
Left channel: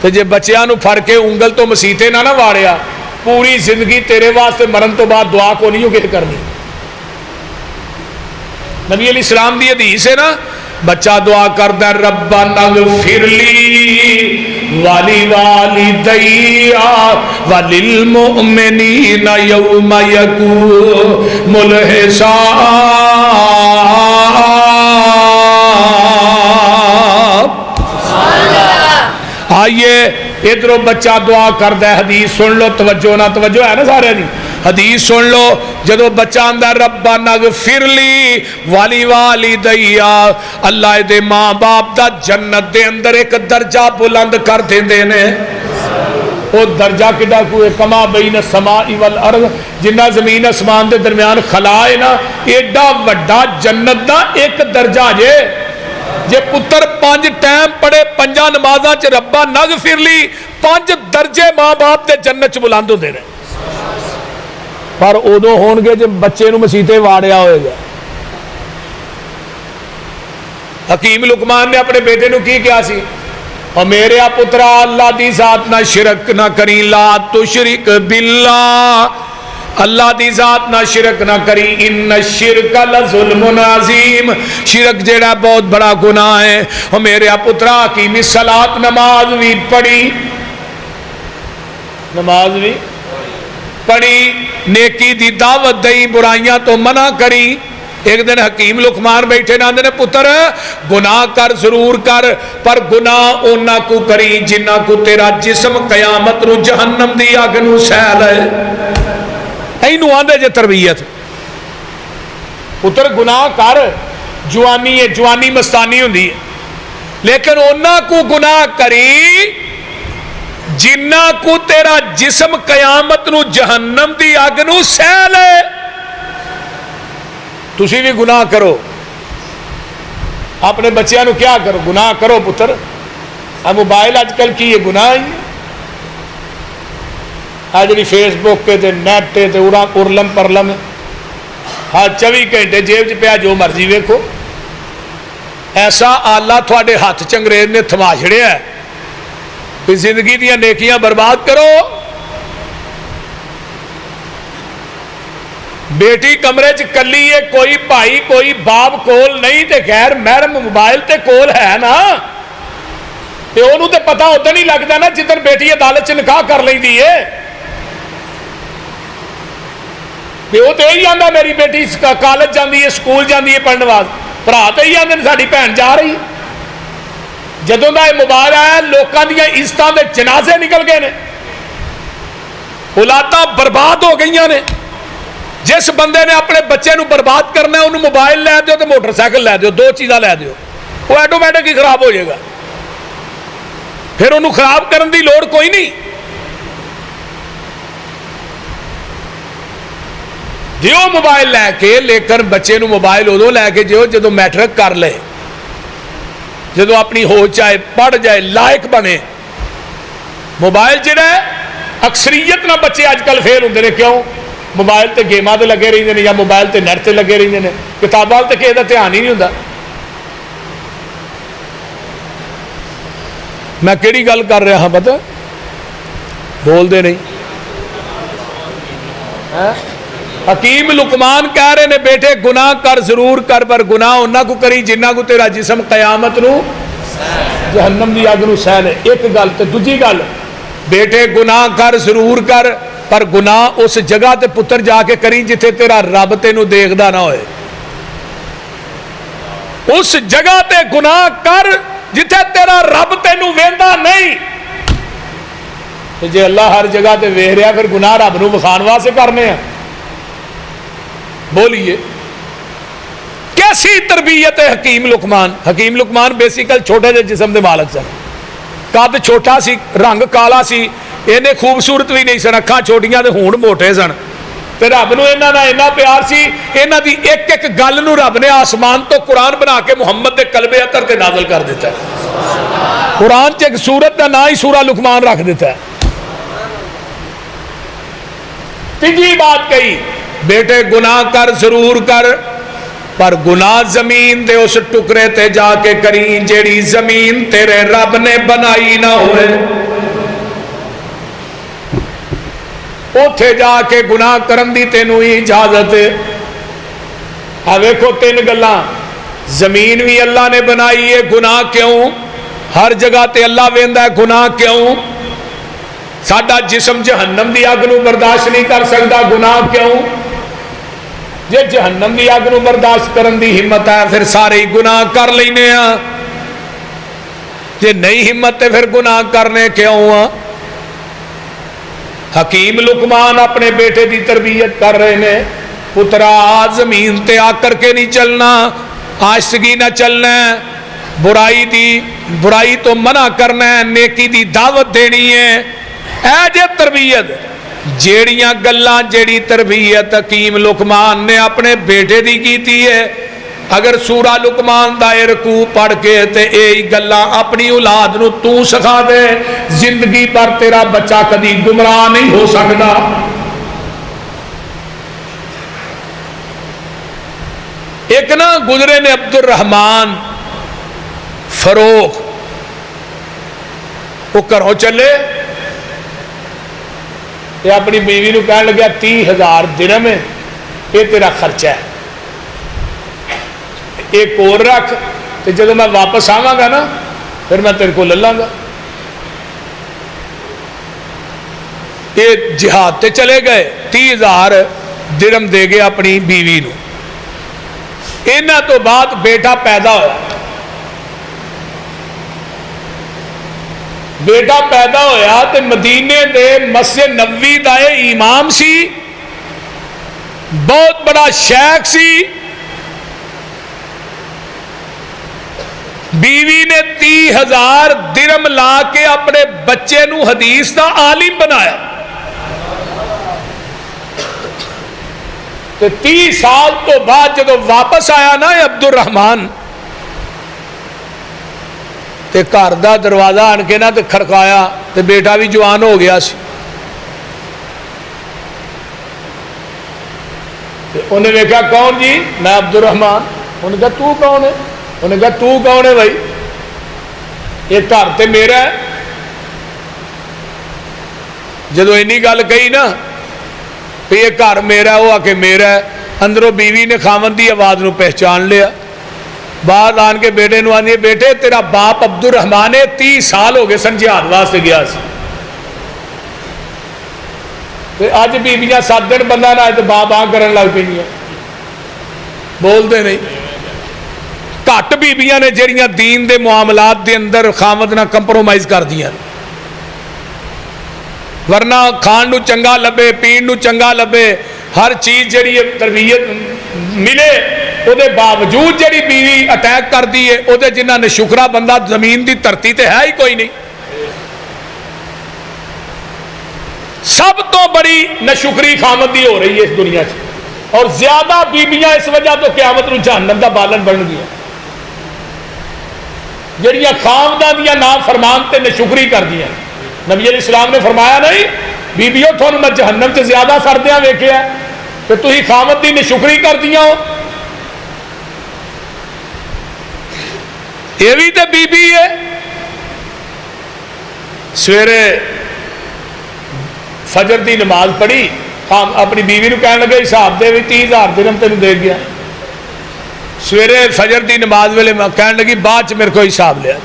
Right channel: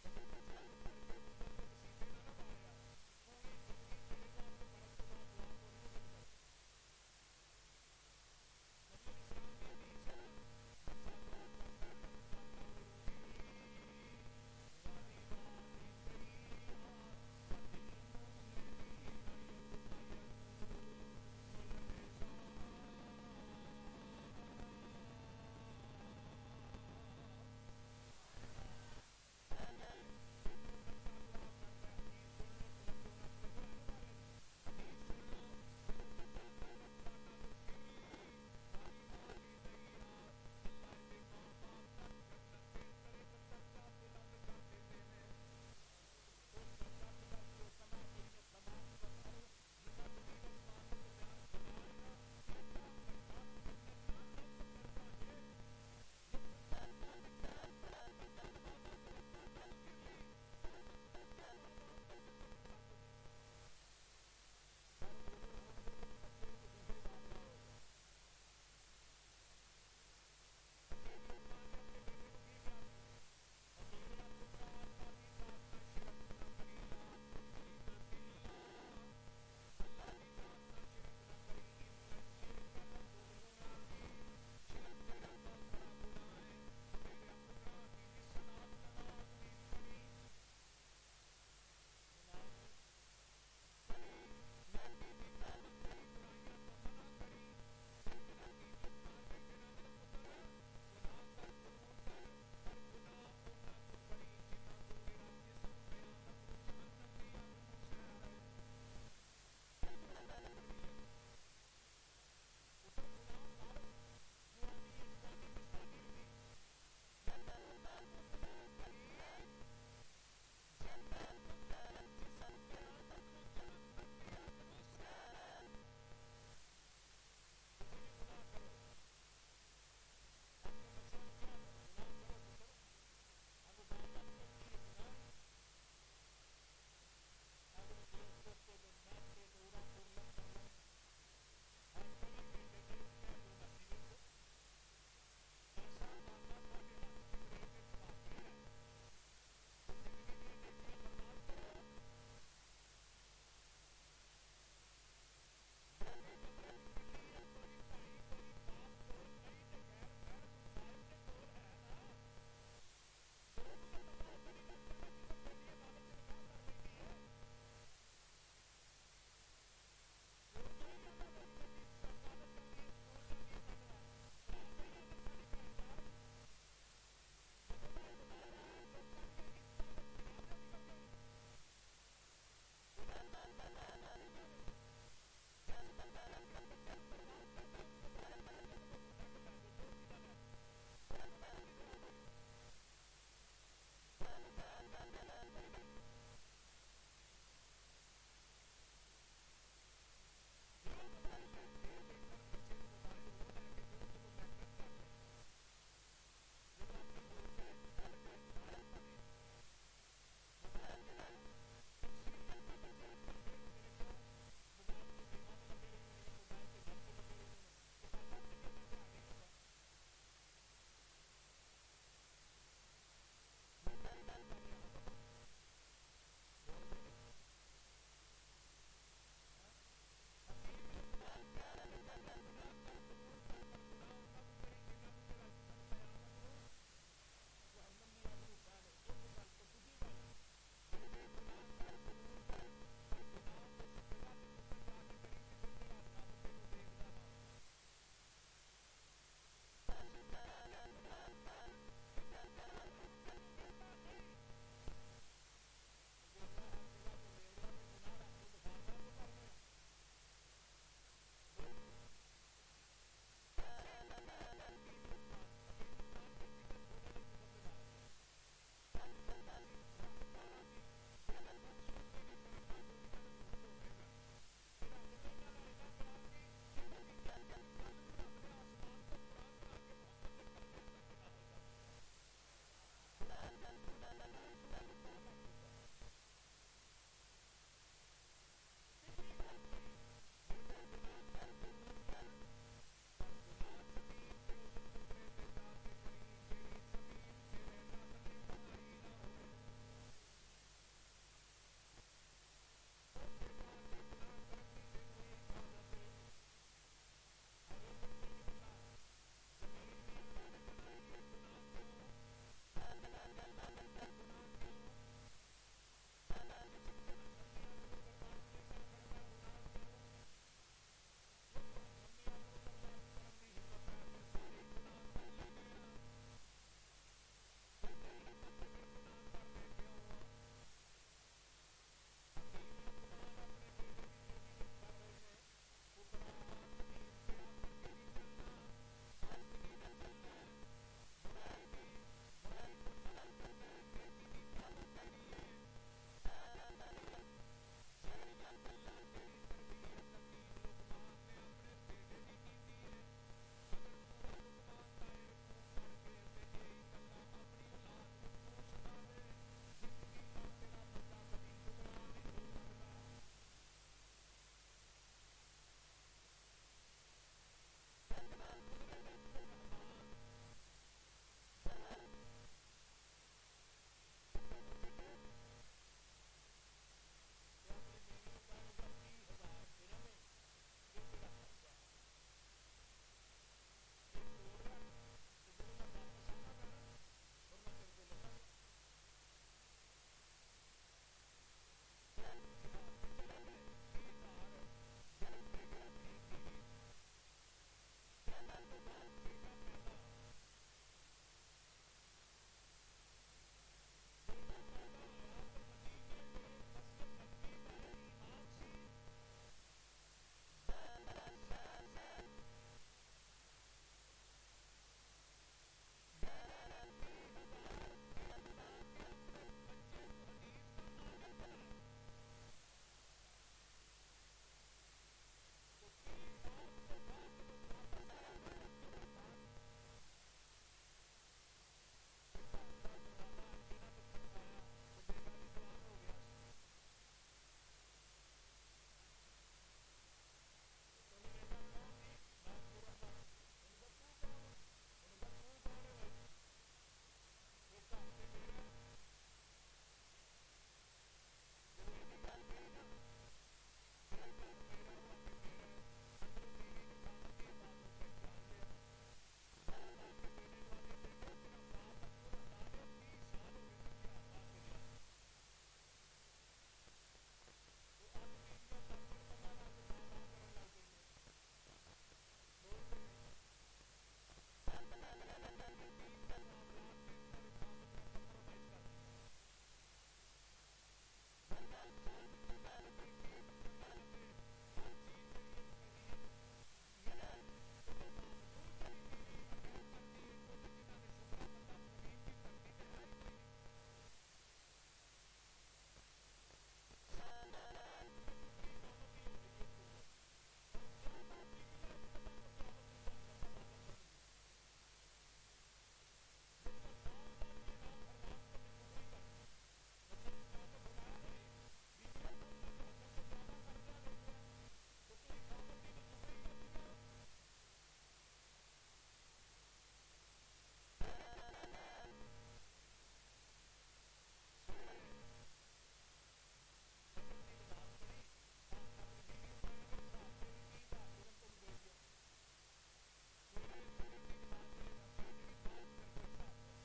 تو جب بچیاں نو پھڑ کے انگل تو مسیتے نہ واڑیا پوری زندگی تیرے واسطے مرن تو بعد دعا کو نہیں ہوگی کرنی نبی علیہ السلام دی حدیث ہے نا بچہ دعا کردا ربنا اغفر لی والی والدیا وللمؤمنین یوم یقوم الحساب آئیے ادھروں بچہ دعا کردا ہے حدیث سن لو توجہ نہ توجہ ہے نا سارے دی حدیث سن لو جدو بچہ آندہ ربنا اغفر لی والی والدیا اللہ دے ماں باپ دا جنت دے اندر ایک درجہ بلند کر دیندے نے وہ درجہ کڈا کوئی کما بین السماء والارض جنہ زمین اسمان دے درمیان خلا ہے نا ایڈا وڈا جنت دا ایک درجہ جے پتر 5 ٹائم پڑے 5 نمازاں چ ربا نغفر لی 5 درجے ماں باپ دے جنت چ بلند ہوندے نے پر ادو ہون گے جب بچے نو مسیتے واڑیا ہوئے گا حکیم لقمان نے اپنے بیٹے نو کی کیا سی اور میرے پترا اللہ دی ذات نہ شرک نہ کری لا تشرک باللہ اللہ دی ذات نہ شرک نہ کری ان الشرک لظلم عظیم شرک جیڑا بہت بڑا گناہ ہے اور میرے پترا حکیمی صلاۃ نماز بھی پڑھی نماز بھی پڑھی نیکی دی دعوت دئی برائیاں تو منع کری ایک دن حکیم لقمان بیٹھے نہ نے پتر گناہ کر ضرور کر پر گناہ اونا کو کری جنہ کو تیرا جسم قیامت نو جہنم دی آگ نو سیل ہے اینو آندے جے تربیت پتر گناہ کر جوانی ہے جوانی مستانی ہوندی ہے لیکن اونا کو گناہ کری جنہ کو تیرا جسم قیامت نو جہنم دی آگ نو سیل ہے تسی بھی گناہ کرو اپنے بچیاں نو کیا کرو گناہ کرو پتر اب موبائل آج کل کی یہ گناہ ہی آج جی فیس بک کے تے نیٹ تے ارلم پرلم ہاں 24 گھنٹے جیب چ پیا جو مرضی ویکھو ایسا آلہ تھوڑے ہاتھ چنگریز نے تھما چھڑیا ہے کہ زندگی دیا نیکیاں برباد کرو بیٹی کمرے چ کلی ہے کوئی بھائی کوئی باپ کول نہیں تے غیر محرم موبائل تے کول ہے نا پیو نو تے پتا ادن ہی لگتا نا جدن بیٹی عدالت چ نکاح کر لیندی ہے. پیو تو یہی آتا میری بیٹی کالج جاتی ہے سکول جاتی ہے پڑھنے واسطے, برا تو یہی آتے ساری بھن جا رہی. جدوں دا یہ موبائل آیا لوگوں دیا عزتوں کے جنازے نکل گئے نے, اولاداں برباد ہو گئی نے. جس بندے نے اپنے بچے نو برباد کرنا ہے انہوں موبائل لے دیو تو موٹر سائیکل لے دیو, دو چیزاں لے دیو, وہ آٹومیٹک ہی خراب ہو جائے گا. پھر انہوں خراب کرن دی لوڑ کوئی نہیں. دیو موبائل لے کے, لیکن بچے نو موبائل ادو لے کے دیو جدو میٹرک کر لے, جدو اپنی ہوش آئے, پڑھ جائے, لائق بنے. موبائل جڑا ہے اکثریت نہ بچے اج کل فیل ہوندے نے. کیوں؟ موبائل تے گیماں تے لگے رہندے نے یا موبائل تے نیٹ تے لگے رہندے نے, کتاباں تے کسے دا دھیان ہی نہیں ہوندا. میں کیڑی گل کر رہا ہاں پتہ بول دے نہیں. حکیم لقمان کہہ رہے نے بیٹے گناہ کر ضرور کر, پر گناہ انہاں کو کری جنہاں کو تیرا جسم قیامت نو جہنم دی اگ نو سہ لے. ایک گل تے دوجی گل, بیٹے گناہ کر ضرور کر, پر گناہ اس جگہ تے پتر جا کے کری جتھے تیرا رب تینوں دیکھدا نہ ہوئے. اس جگہ تے گناہ کر جتھے تیرا رب تینوں ویندا نہیں. تے جے اللہ ہر جگہ تے ویکھ رہا پھر گناہ رب نو وکھان واسطے کرنے ہیں. بولیے کیسی تربیت ہے حکیم لقمان. حکیم لقمان بیسیکل چھوٹے جے جسم دے مالک سن, قد چھوٹا سی, رنگ کالا سی, انہیں خوبصورت بھی نہیں سن, اکھاں چھوٹیاں تے ہونٹ موٹے سن. تے رب نو انہاں نال اتنا پیار سی, انہاں دی ایک ایک گل نو رب نے آسمان تو قرآن بنا کے محمد دے قلب اطہر تے نازل کر دیتا ہے. قرآن چ ایک سورت دا نا ہی سورہ لقمان رکھ دیتا ہے. تیجی بات کہی, بیٹے گناہ کر ضرور کر, پر گناہ زمین دے اس ٹکرے تے جا کے کری جیڑی زمین تیرے رب نے بنائی نہ ہوئے. اوتھے جا کے گناہ کرن دی تینوں ہی اجازت ہے. ویکھو تین گلاں, زمین بھی اللہ نے بنائی ہے, گناہ کیوں؟ ہر جگہ تے اللہ ویندا ہے, گناہ کیوں؟ ساڈا جسم جہنم دی اگ نو برداشت نہیں کر سکتا, گناہ کیوں؟ جے جہنم دی اگ نو برداشت کرن دی ہمت ہے پھر سارے ہی گناہ کر لینے ہاں, جے نہیں ہمت ہے پھر گناہ کرنے کیوں ہاں. حکیم لقمان اپنے بیٹے دی تربیت کر رہے نے, پترا زمین تے آ کر کے نہیں چلنا, آشتگی نہ چلنا ہے, برائی تو منع کرنا ہے, نیکی دی دعوت دینی ہے. اے جے تربیت, جیڑیاں گلاں جیڑی تربیت حکیم لقمان نے اپنے بیٹے دی کیتی ہے, اگر سورہ لقمان دا رکوع پڑھ کے تے اے گلاں اپنی اولاد نو تو سکھا دے, زندگی پر تیرا بچہ کدی گمراہ نہیں ہو سکتا. ایک نا گزرے نے عبد الرحمن فروخ, وہ گھروں چلے, یہ اپنی بیوی نو کہنے لگا 30,000 درہم ہے, یہ تیرا خرچہ ہے, ایک اور رکھ, تو جب میں واپس آواں گا نا پھر میں تیرے کو لے لاں گا. یہ جہاد تے چلے گئے, 30,000 درہم دے گئے اپنی بیوی نو. انہاں تو بعد بیٹا پیدا ہوا, بیٹا پیدا ہویا تے مدینے دے مسجد نبوی دا امام سی, بہت بڑا شیخ سی. بیوی نے 30,000 درہم لا کے اپنے بچے نو حدیث دا عالم بنایا. تے 30 سال تو بعد جب واپس آیا نا عبد الرحمن, تے گھر دا دروازہ آن کے نا تے کھڑکایا, تے بیٹا بھی جوان ہو گیا سی. انہیں دیکھا کون جی؟ میں عبد الرحمن. انہیں کہا تو کون ہے؟ انہیں کہا تو کون ہے بھائی؟ یہ گھر تے میرا ہے. جدو اینی گل کہی نا کہ یہ گھر میرا ہے, وہ آ کے میرا ہے, اندروں بیوی نے خاوند دی آواز نو پہچان لیا. بعد آن کے بیٹے نو آندی بیٹے تیرا باپ عبد الرحمان 30 سال ہو گئے سن جہاد واسطے گیا سی اج بیبیاں 7 دن بندہ نہ آئے تو باپ کرن لگ پی بولتے نہیں گھٹ بیبیاں نے جہاں دین دے معاملات دے اندر خامد نہ کمپرومائز کر دیا ورنہ کھان نو چنگا لبے پین نو چنگا لبے ہر چیز جڑی تربیت ملے او دے باوجود جڑی بیوی اٹیک کر دی ہے او دے جنہ نے شکرہ بندہ زمین دی دھرتی تے ہے ہی کوئی نہیں سب تو بڑی نشکری خامد دی ہو رہی ہے اس دنیا سے اور زیادہ بیبیاں اس وجہ تو قیامت نو جہنم دا بالن بن گیا جڑیاں خامداں دیاں نام فرمان تے نشکری کر دیا نبی علیہ السلام نے فرمایا نہیں بیبیوں تھانوں میں جہنم سے زیادہ سردیاں ویکھیا کہ تسی خامد دی نشکری کر دیا ہو یہ بھی تے بی بی ہے سویرے فجر دی نماز پڑھی اپنی بیوی نو کہنے لگے حساب دے بھی 30,000 درہم تینوں دے گیا سویرے فجر دی نماز ویلے کہنے لگی بعد میرے کو حساب لیا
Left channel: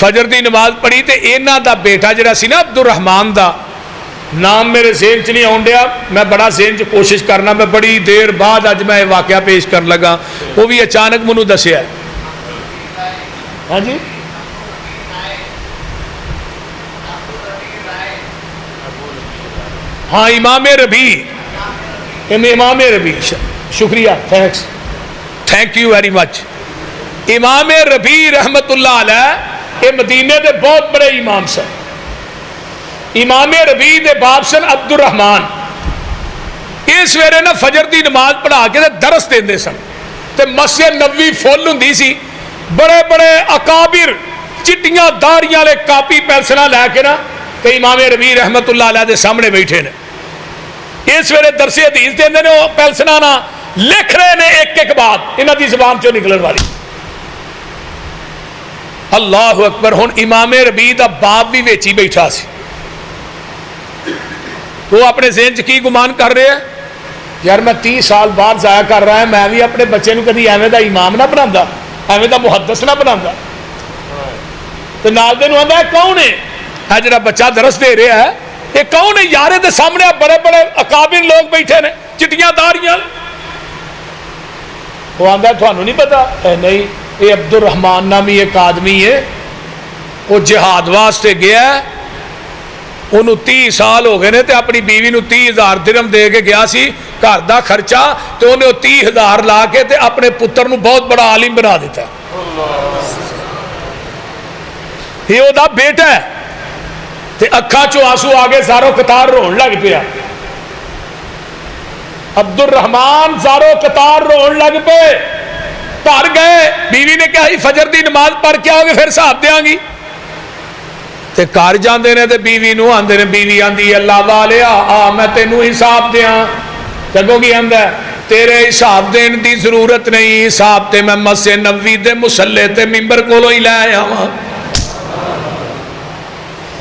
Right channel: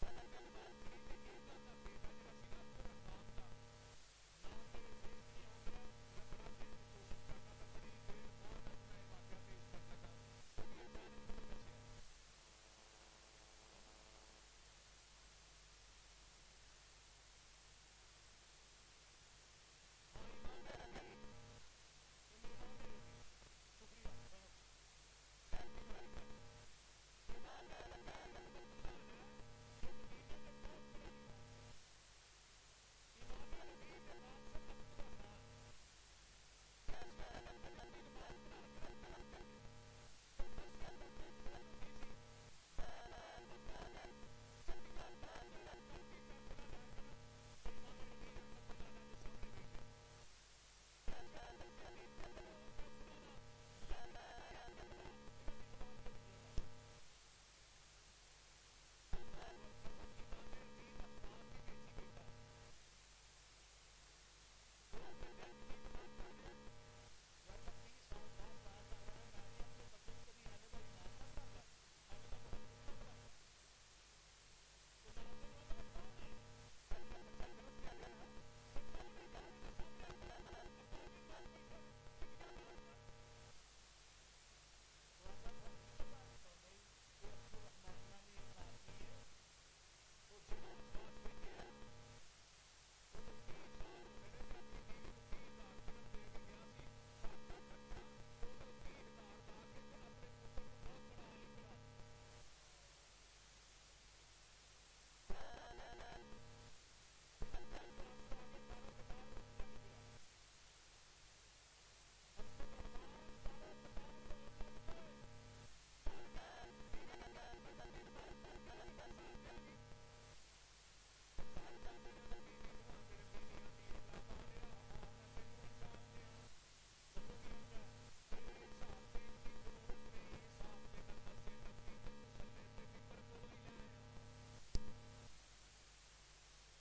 فجر دی نماز پڑھی تے اینا دا بیٹا جڑا سی نا عبد الرحمان دا نام میرے ذہن چ نہیں آن ڈیا میں بڑا ذہن چ کوشش کرنا میں بڑی دیر بعد اج میں واقعہ پیش کر لگا وہ بھی اچانک منو دسیا ہاں جی ہاں امام ربیع امام ربیع شکریہ تھینک یو ویری مچ امام ربیع رحمت اللہ علیہ یہ مدینے دے بہت بڑے امام سن امام ربیع دے باپ سن عبد الرحمان اس ویرے نا فجر دی نماز پڑھا کے درس دیندے سن تے مسجد نبوی فل ہوندی سی بڑے بڑے اکابر چٹیاں داڑیاں لے کاپی پینسلاں لے کے نا تے امام ربیع رحمت اللہ علیہ دے سامنے بیٹھے نے اس ویلے درس حدیث دیندے نے وہ پینسلاں نا لکھ رہے نے ایک ایک بات انہاں دی زبان چوں نکلن والی اللہ اکبر ہن امام ربیع دا باپ بھی ویچی بیٹھا سی وہ اپنے ذہن چ کی گمان کر رہے ہیں یار میں 30 سال بعد ضائع کر رہا ہے میں بھی اپنے بچے نو کدی ایویں دا امام نہ بناوندا ایویں دا محدث نہ بناوندا تے نال دے نو آندا ہے کون ہے جڑا بچہ درس دے رہا ہے یہ کون ہے یارے دے سامنے بڑے بڑے اکابر لوگ بیٹھے نے چٹیاں داڑیاں وہ آندا ہے تھانوں نہیں پتا اے نہیں یہ عبد الرحمان نامی ایک آدمی ہے وہ جہاد واسطے گیا ہے انہوں 30 سال ہو گئے نے تے اپنی بیوی نو 30,000 درہم دے کے گیا سی گھر دا خرچہ تو انہیں 30,000 لا کے تے اپنے پتر نو بہت بڑا عالم بنا دیتا یہ وہ دا بیٹا ہے تے اکھا چو آنسو آگے زارو قطار رون لگ پیا عبد الرحمان زارو قطار رون لگ پے گھر گئے بیوی نے کہا فجر دی نماز پڑھ کے آؤ گے پھر صاحب دیاں گی تے کار جاندے نے تے بیوی نو آندے نے بیوی آندی اللہ والیا آ میں تینو حساب دیاں جگو کی آندہ ہے تیرے حساب دین دی ضرورت نہیں حساب تے میں مسجد نبوی دے مصلی تے ممبر کولو ہی لے آیا ہوں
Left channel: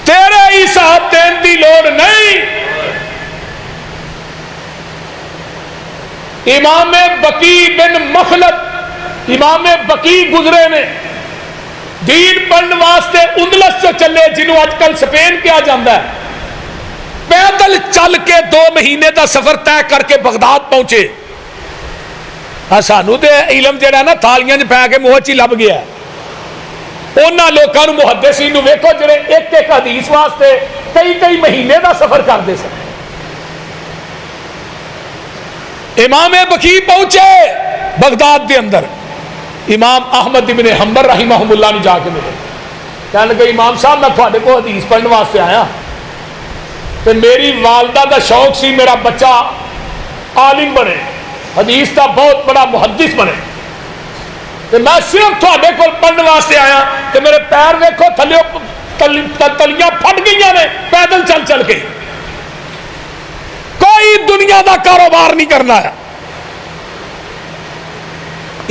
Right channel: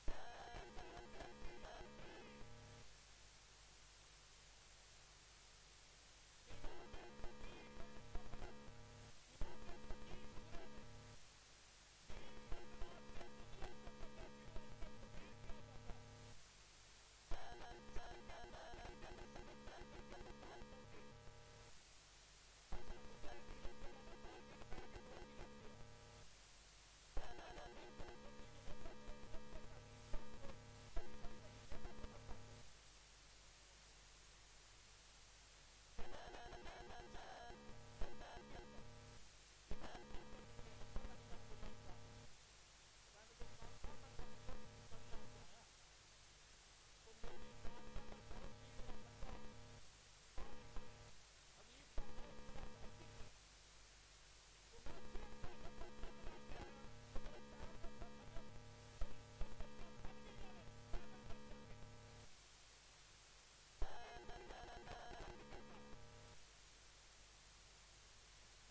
تیرے حساب دین دی لوڑ نہیں امام بقی بن مخلد امام بقی گزرے نے دین پڑھنے واسطے اندلس سے چلے جنہوں آج کل سپین کیا جاندہ ہے پیدل چل کے 2 مہینے دا سفر طے کر کے بغداد پہنچے سانو تے علم جڑا نا تھالیاں پہ کے موچی لب گیا انہاں لوکاں نو محدثین نو ویکھو جڑے ایک ایک حدیث واسطے کئی مہینے دا سفر کر دے سن امام بقی پہنچے بغداد دے اندر امام احمد ابن حنبل رحمہ اللہ نے جا کے ملے کہنے لگے امام صاحب میں تھوڑے کو حدیث پڑھنے واسطے آیا تو میری والدہ دا شوق سی میرا بچہ عالم بنے حدیث دا بہت بڑا محدث بنے تو میں صرف تھوڑے کو پڑھنے واسطے آیا کہ میرے پیر دیکھو تلیاں پھٹ گئی نے پیدل چل چل کے کوئی دنیا دا کاروبار نہیں کرنا ہے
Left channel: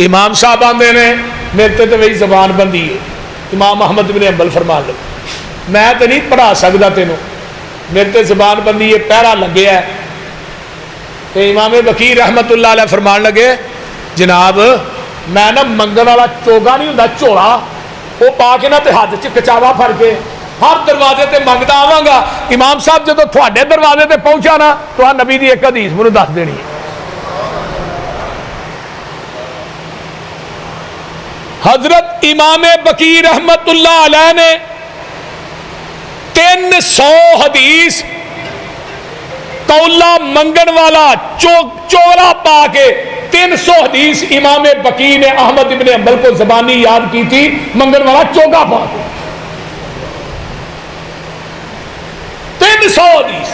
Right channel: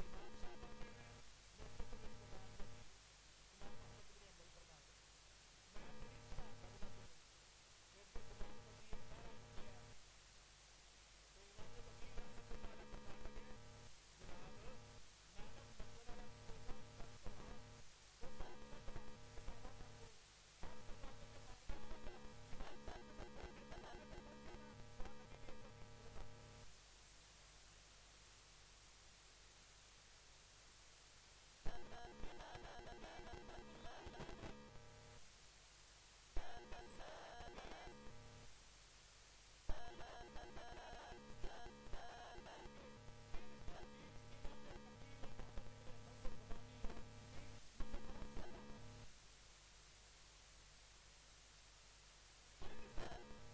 امام صاحب آندے نے میرے تے وہی زبان بندی ہے امام احمد بن حنبل فرمان لگے میں تے نہیں پڑھا سکتا تینوں میرے تے زبان بندی ہے پہرا لگے ہے تو امام بقی رحمت اللہ علیہ فرمان لگے جناب میں نا منگن والا چوگا نہیں ہوں جھولا وہ پا کے نا تے ہاتھ چ کچاوا پھڑ کے ہر دروازے تے منگتا آواں گا. امام صاحب جدو تھوڑے دروازے تے پہنچا نا تو نبی دی ایک حدیث مجھے دس دینی ہے. حضرت امام بقی رحمت اللہ علیہ نے 300 حدیث کولا منگن والا چولا پا کے 300 حدیث امام بقی نے احمد ابن حنبل کو زبانی یاد کی تھی منگن والا چوگا پا کے 300 حدیث.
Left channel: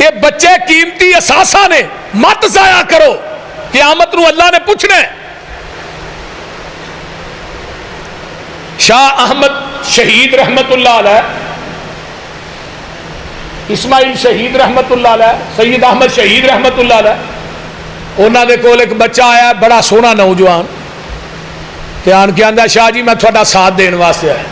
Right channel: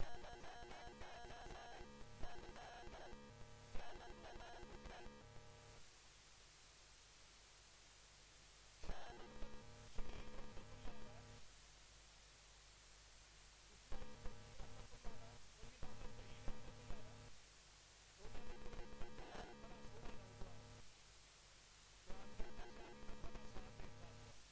یہ بچے قیمتی اثاثہ نے مت ضائع کرو قیامت نو اللہ نے پوچھنا ہے. شاہ احمد شہید رحمت اللہ علیہ اسماعیل شہید رحمت اللہ علیہ سید احمد شہید رحمت اللہ علیہ انہوں نے کول ایک بچہ آیا بڑا سونا نوجوان کہ آن کے آندہ شاہ جی میں تھوڑا ساتھ دین واسطے آیا.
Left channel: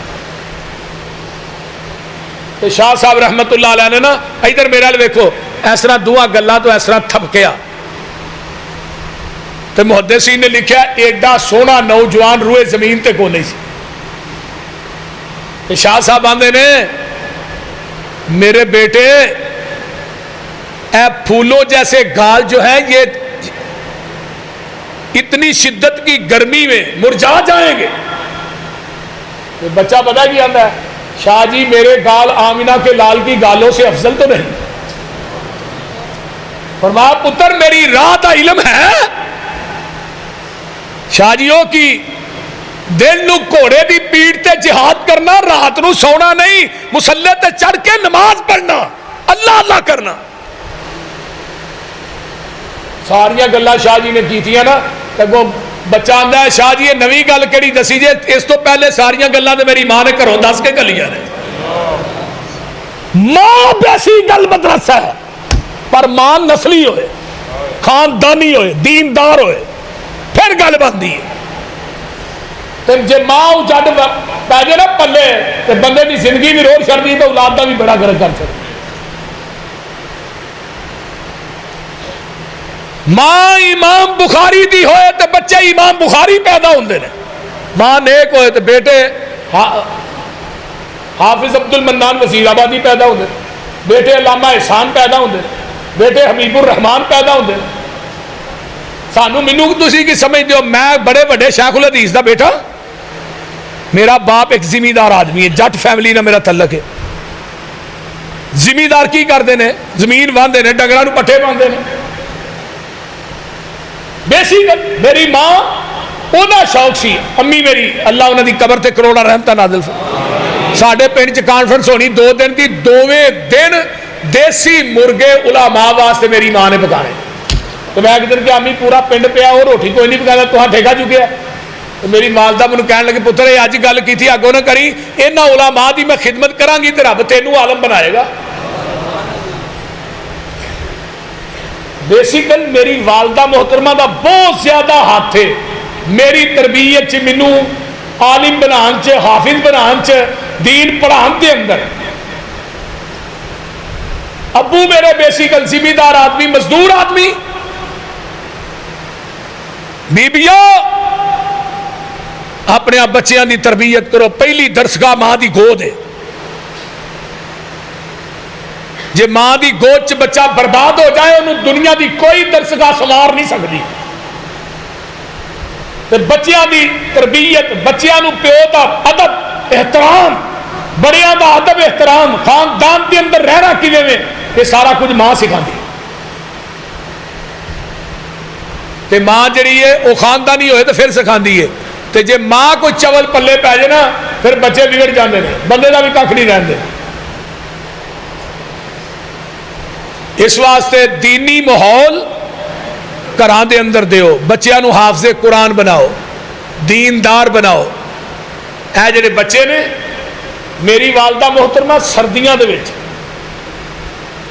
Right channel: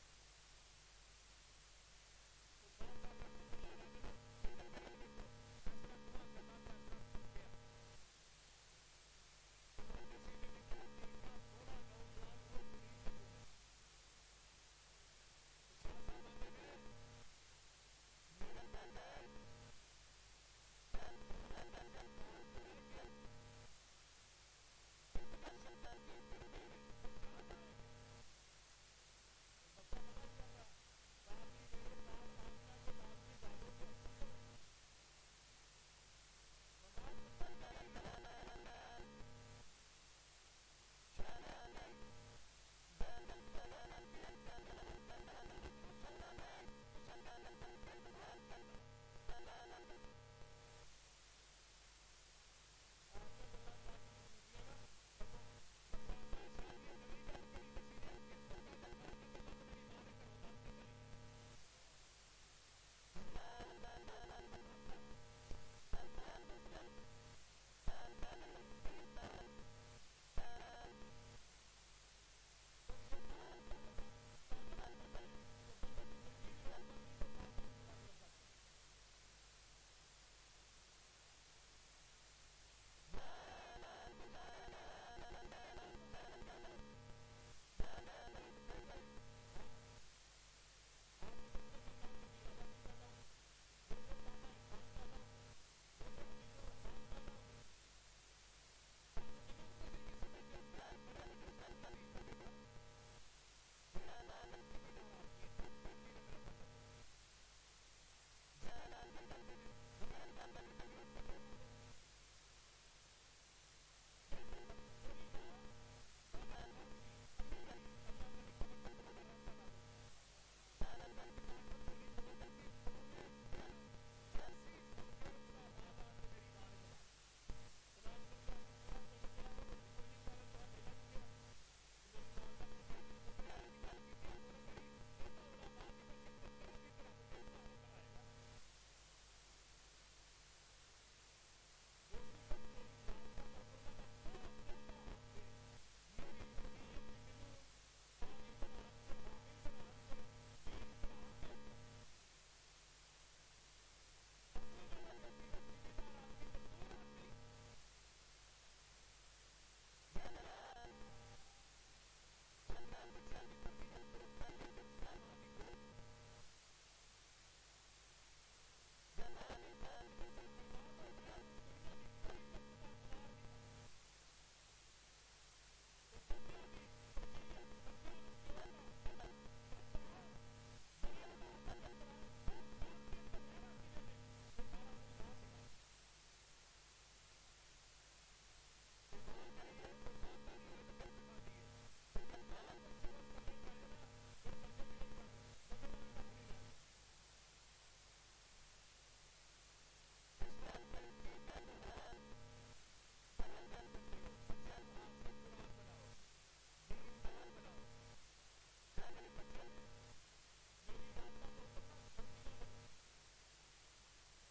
تو شاہ صاحب رحمت اللہ علیہ نے نا ادھر میرے لئے ویکھو اس طرح دعا گلا تو اس طرح تھپکیا تو محدثین نے لکھا ایڈا سونا نوجوان روئے زمین تے کو نہیں سی. شاہ صاحب آندے نے میرے بیٹے اے پھولوں جیسے گال جو ہیں یہ اتنی شدت کی گرمی میں مرجھا جائیں گے. بچہ پتہ کی آندہ ہے شاہ جی میرے گال آمینہ کے لال کی گالوں سے افضل تو نہیں. فرمایا پتر میری راہ کا علم ہے شاہ جیوں کی دل نو گھوڑے دی پیٹ تے جہاد کرنا رات نو سونا نہیں مسلح تے چڑھ کے نماز پڑھنا اللہ اللہ کرنا. ساریاں گلاں شاہ جی نے کیتیاں نا تگو بچہ آندہ ہے شاہ جی یہ نوی گل کیڑی دسی جے اس تو پہلے ساریاں گلاں تے میری ماں نے گھروں دس کے گلیاں نے. ماں بیسی گل مدرسہ ہے پر ماں نسلی ہوئے خاندانی ہوئے دیندار ہوئے پھر گل بندی ہے. جے ماں جڈ پی جائے نا پلے تو بندے کی زندگی بھی روڑ چڑھتی تو اولاد کا بھی بڑا گرد کر سکتی. ماں امام بخاری دی ہوئے تو بچے امام بخاری پیدا ہوندے نے. ماں نیک ہوئے تو بیٹے حافظ عبد المنان وزیر آبادی پیدا ہوندے بیٹے علامہ احسان پیدا ہوندے بیٹے حبیب الرحمان پیدا ہوندے. سانو مینوں تسی کی سمجھ دیو میں بڑے بڑے شیخ الحدیث دا بیٹا میرا باپ ایک زمیندار آدمی ہے جٹ فیملی نہ میرا تعلق ہے. زمیندار کی کر دینے زمین باندھے نے ڈنگراں نو پٹھے باندھے نے. بیسیکل میری ماں اونا شوق سی امی میری اللہ انہاں دی قبر تے کروڑا رحمتہ نازل ساڈے پنڈ چ کانفرنس ہونی 2 دن دی 2ویں دن دیسی مرغے علماء واسطے میری ماں نے پکانے. تو میں ایک دن کہ امی پورا پنڈ پیا وہ روٹی کوئی نہیں پکایا تو ٹھیکا چکیا. تو میری والدہ مجھے کہنے لگے پتر یہ اج گل کی تھی اگوں نہ کری انہاں علماء دی میں خدمت کراں گی تے رب تینوں عالم بنائے گا. بیسیکل میری والدہ محترمہ دا بہت زیادہ ہاتھ ہے میری تربیت چ مینوں عالم بنان چ حافظ بنان چ دین پڑھان دے اندر. ابو میرے بیسیکل زمیندار آدمی مزدور آدمی. بیبیوں اپنے بچیاں دی تربیت کرو. پہلی درسگاہ ماں دی گود ہے. جے ماں دی گود چ بچہ برباد ہو جائے انہوں دنیا دی کوئی درسگاہ سنوار نہیں سکتی. تے بچیاں دی تربیت بچیاں نو پیو دا ادب احترام بڑیاں دا ادب احترام خاندان دے اندر رہنا کیویں میں یہ سارا کچھ ماں سکھاندی. تے ماں جڑی ہے وہ خاندانی ہوئے تو پھر سکھاندی ہے. تے جے ماں کوئی چول پلے پہ جائے نا پھر بچے بگڑ جاندے نے بندے دا بھی کھ نہیں رہندے. اس واسطے دینی ماحول گھراں دے اندر دیو بچیاں نو حافظ قرآن بناؤ دیندار بناؤ. اے جڑے بچے نے میری والدہ محترمہ سردیاں دے وچ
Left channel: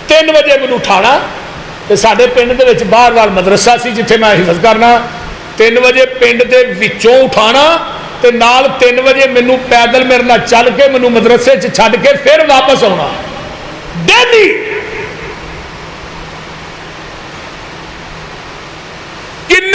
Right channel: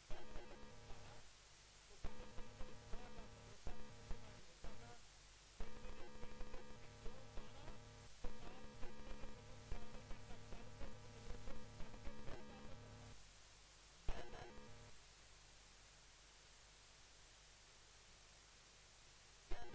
3 بجے مینوں اٹھانا تے ساڈے پنڈ دے وچ باہر وال مدرسہ سی جتھے میں حفظ کرنا 3 بجے پنڈ دے وچوں اٹھانا تے نال 3 بجے مینوں پیدل میرے نال چل کے مینوں مدرسے چ چھڈ کے پھر واپس آنا ڈیلی.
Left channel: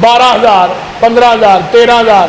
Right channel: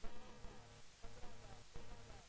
12,000 15,000 13,000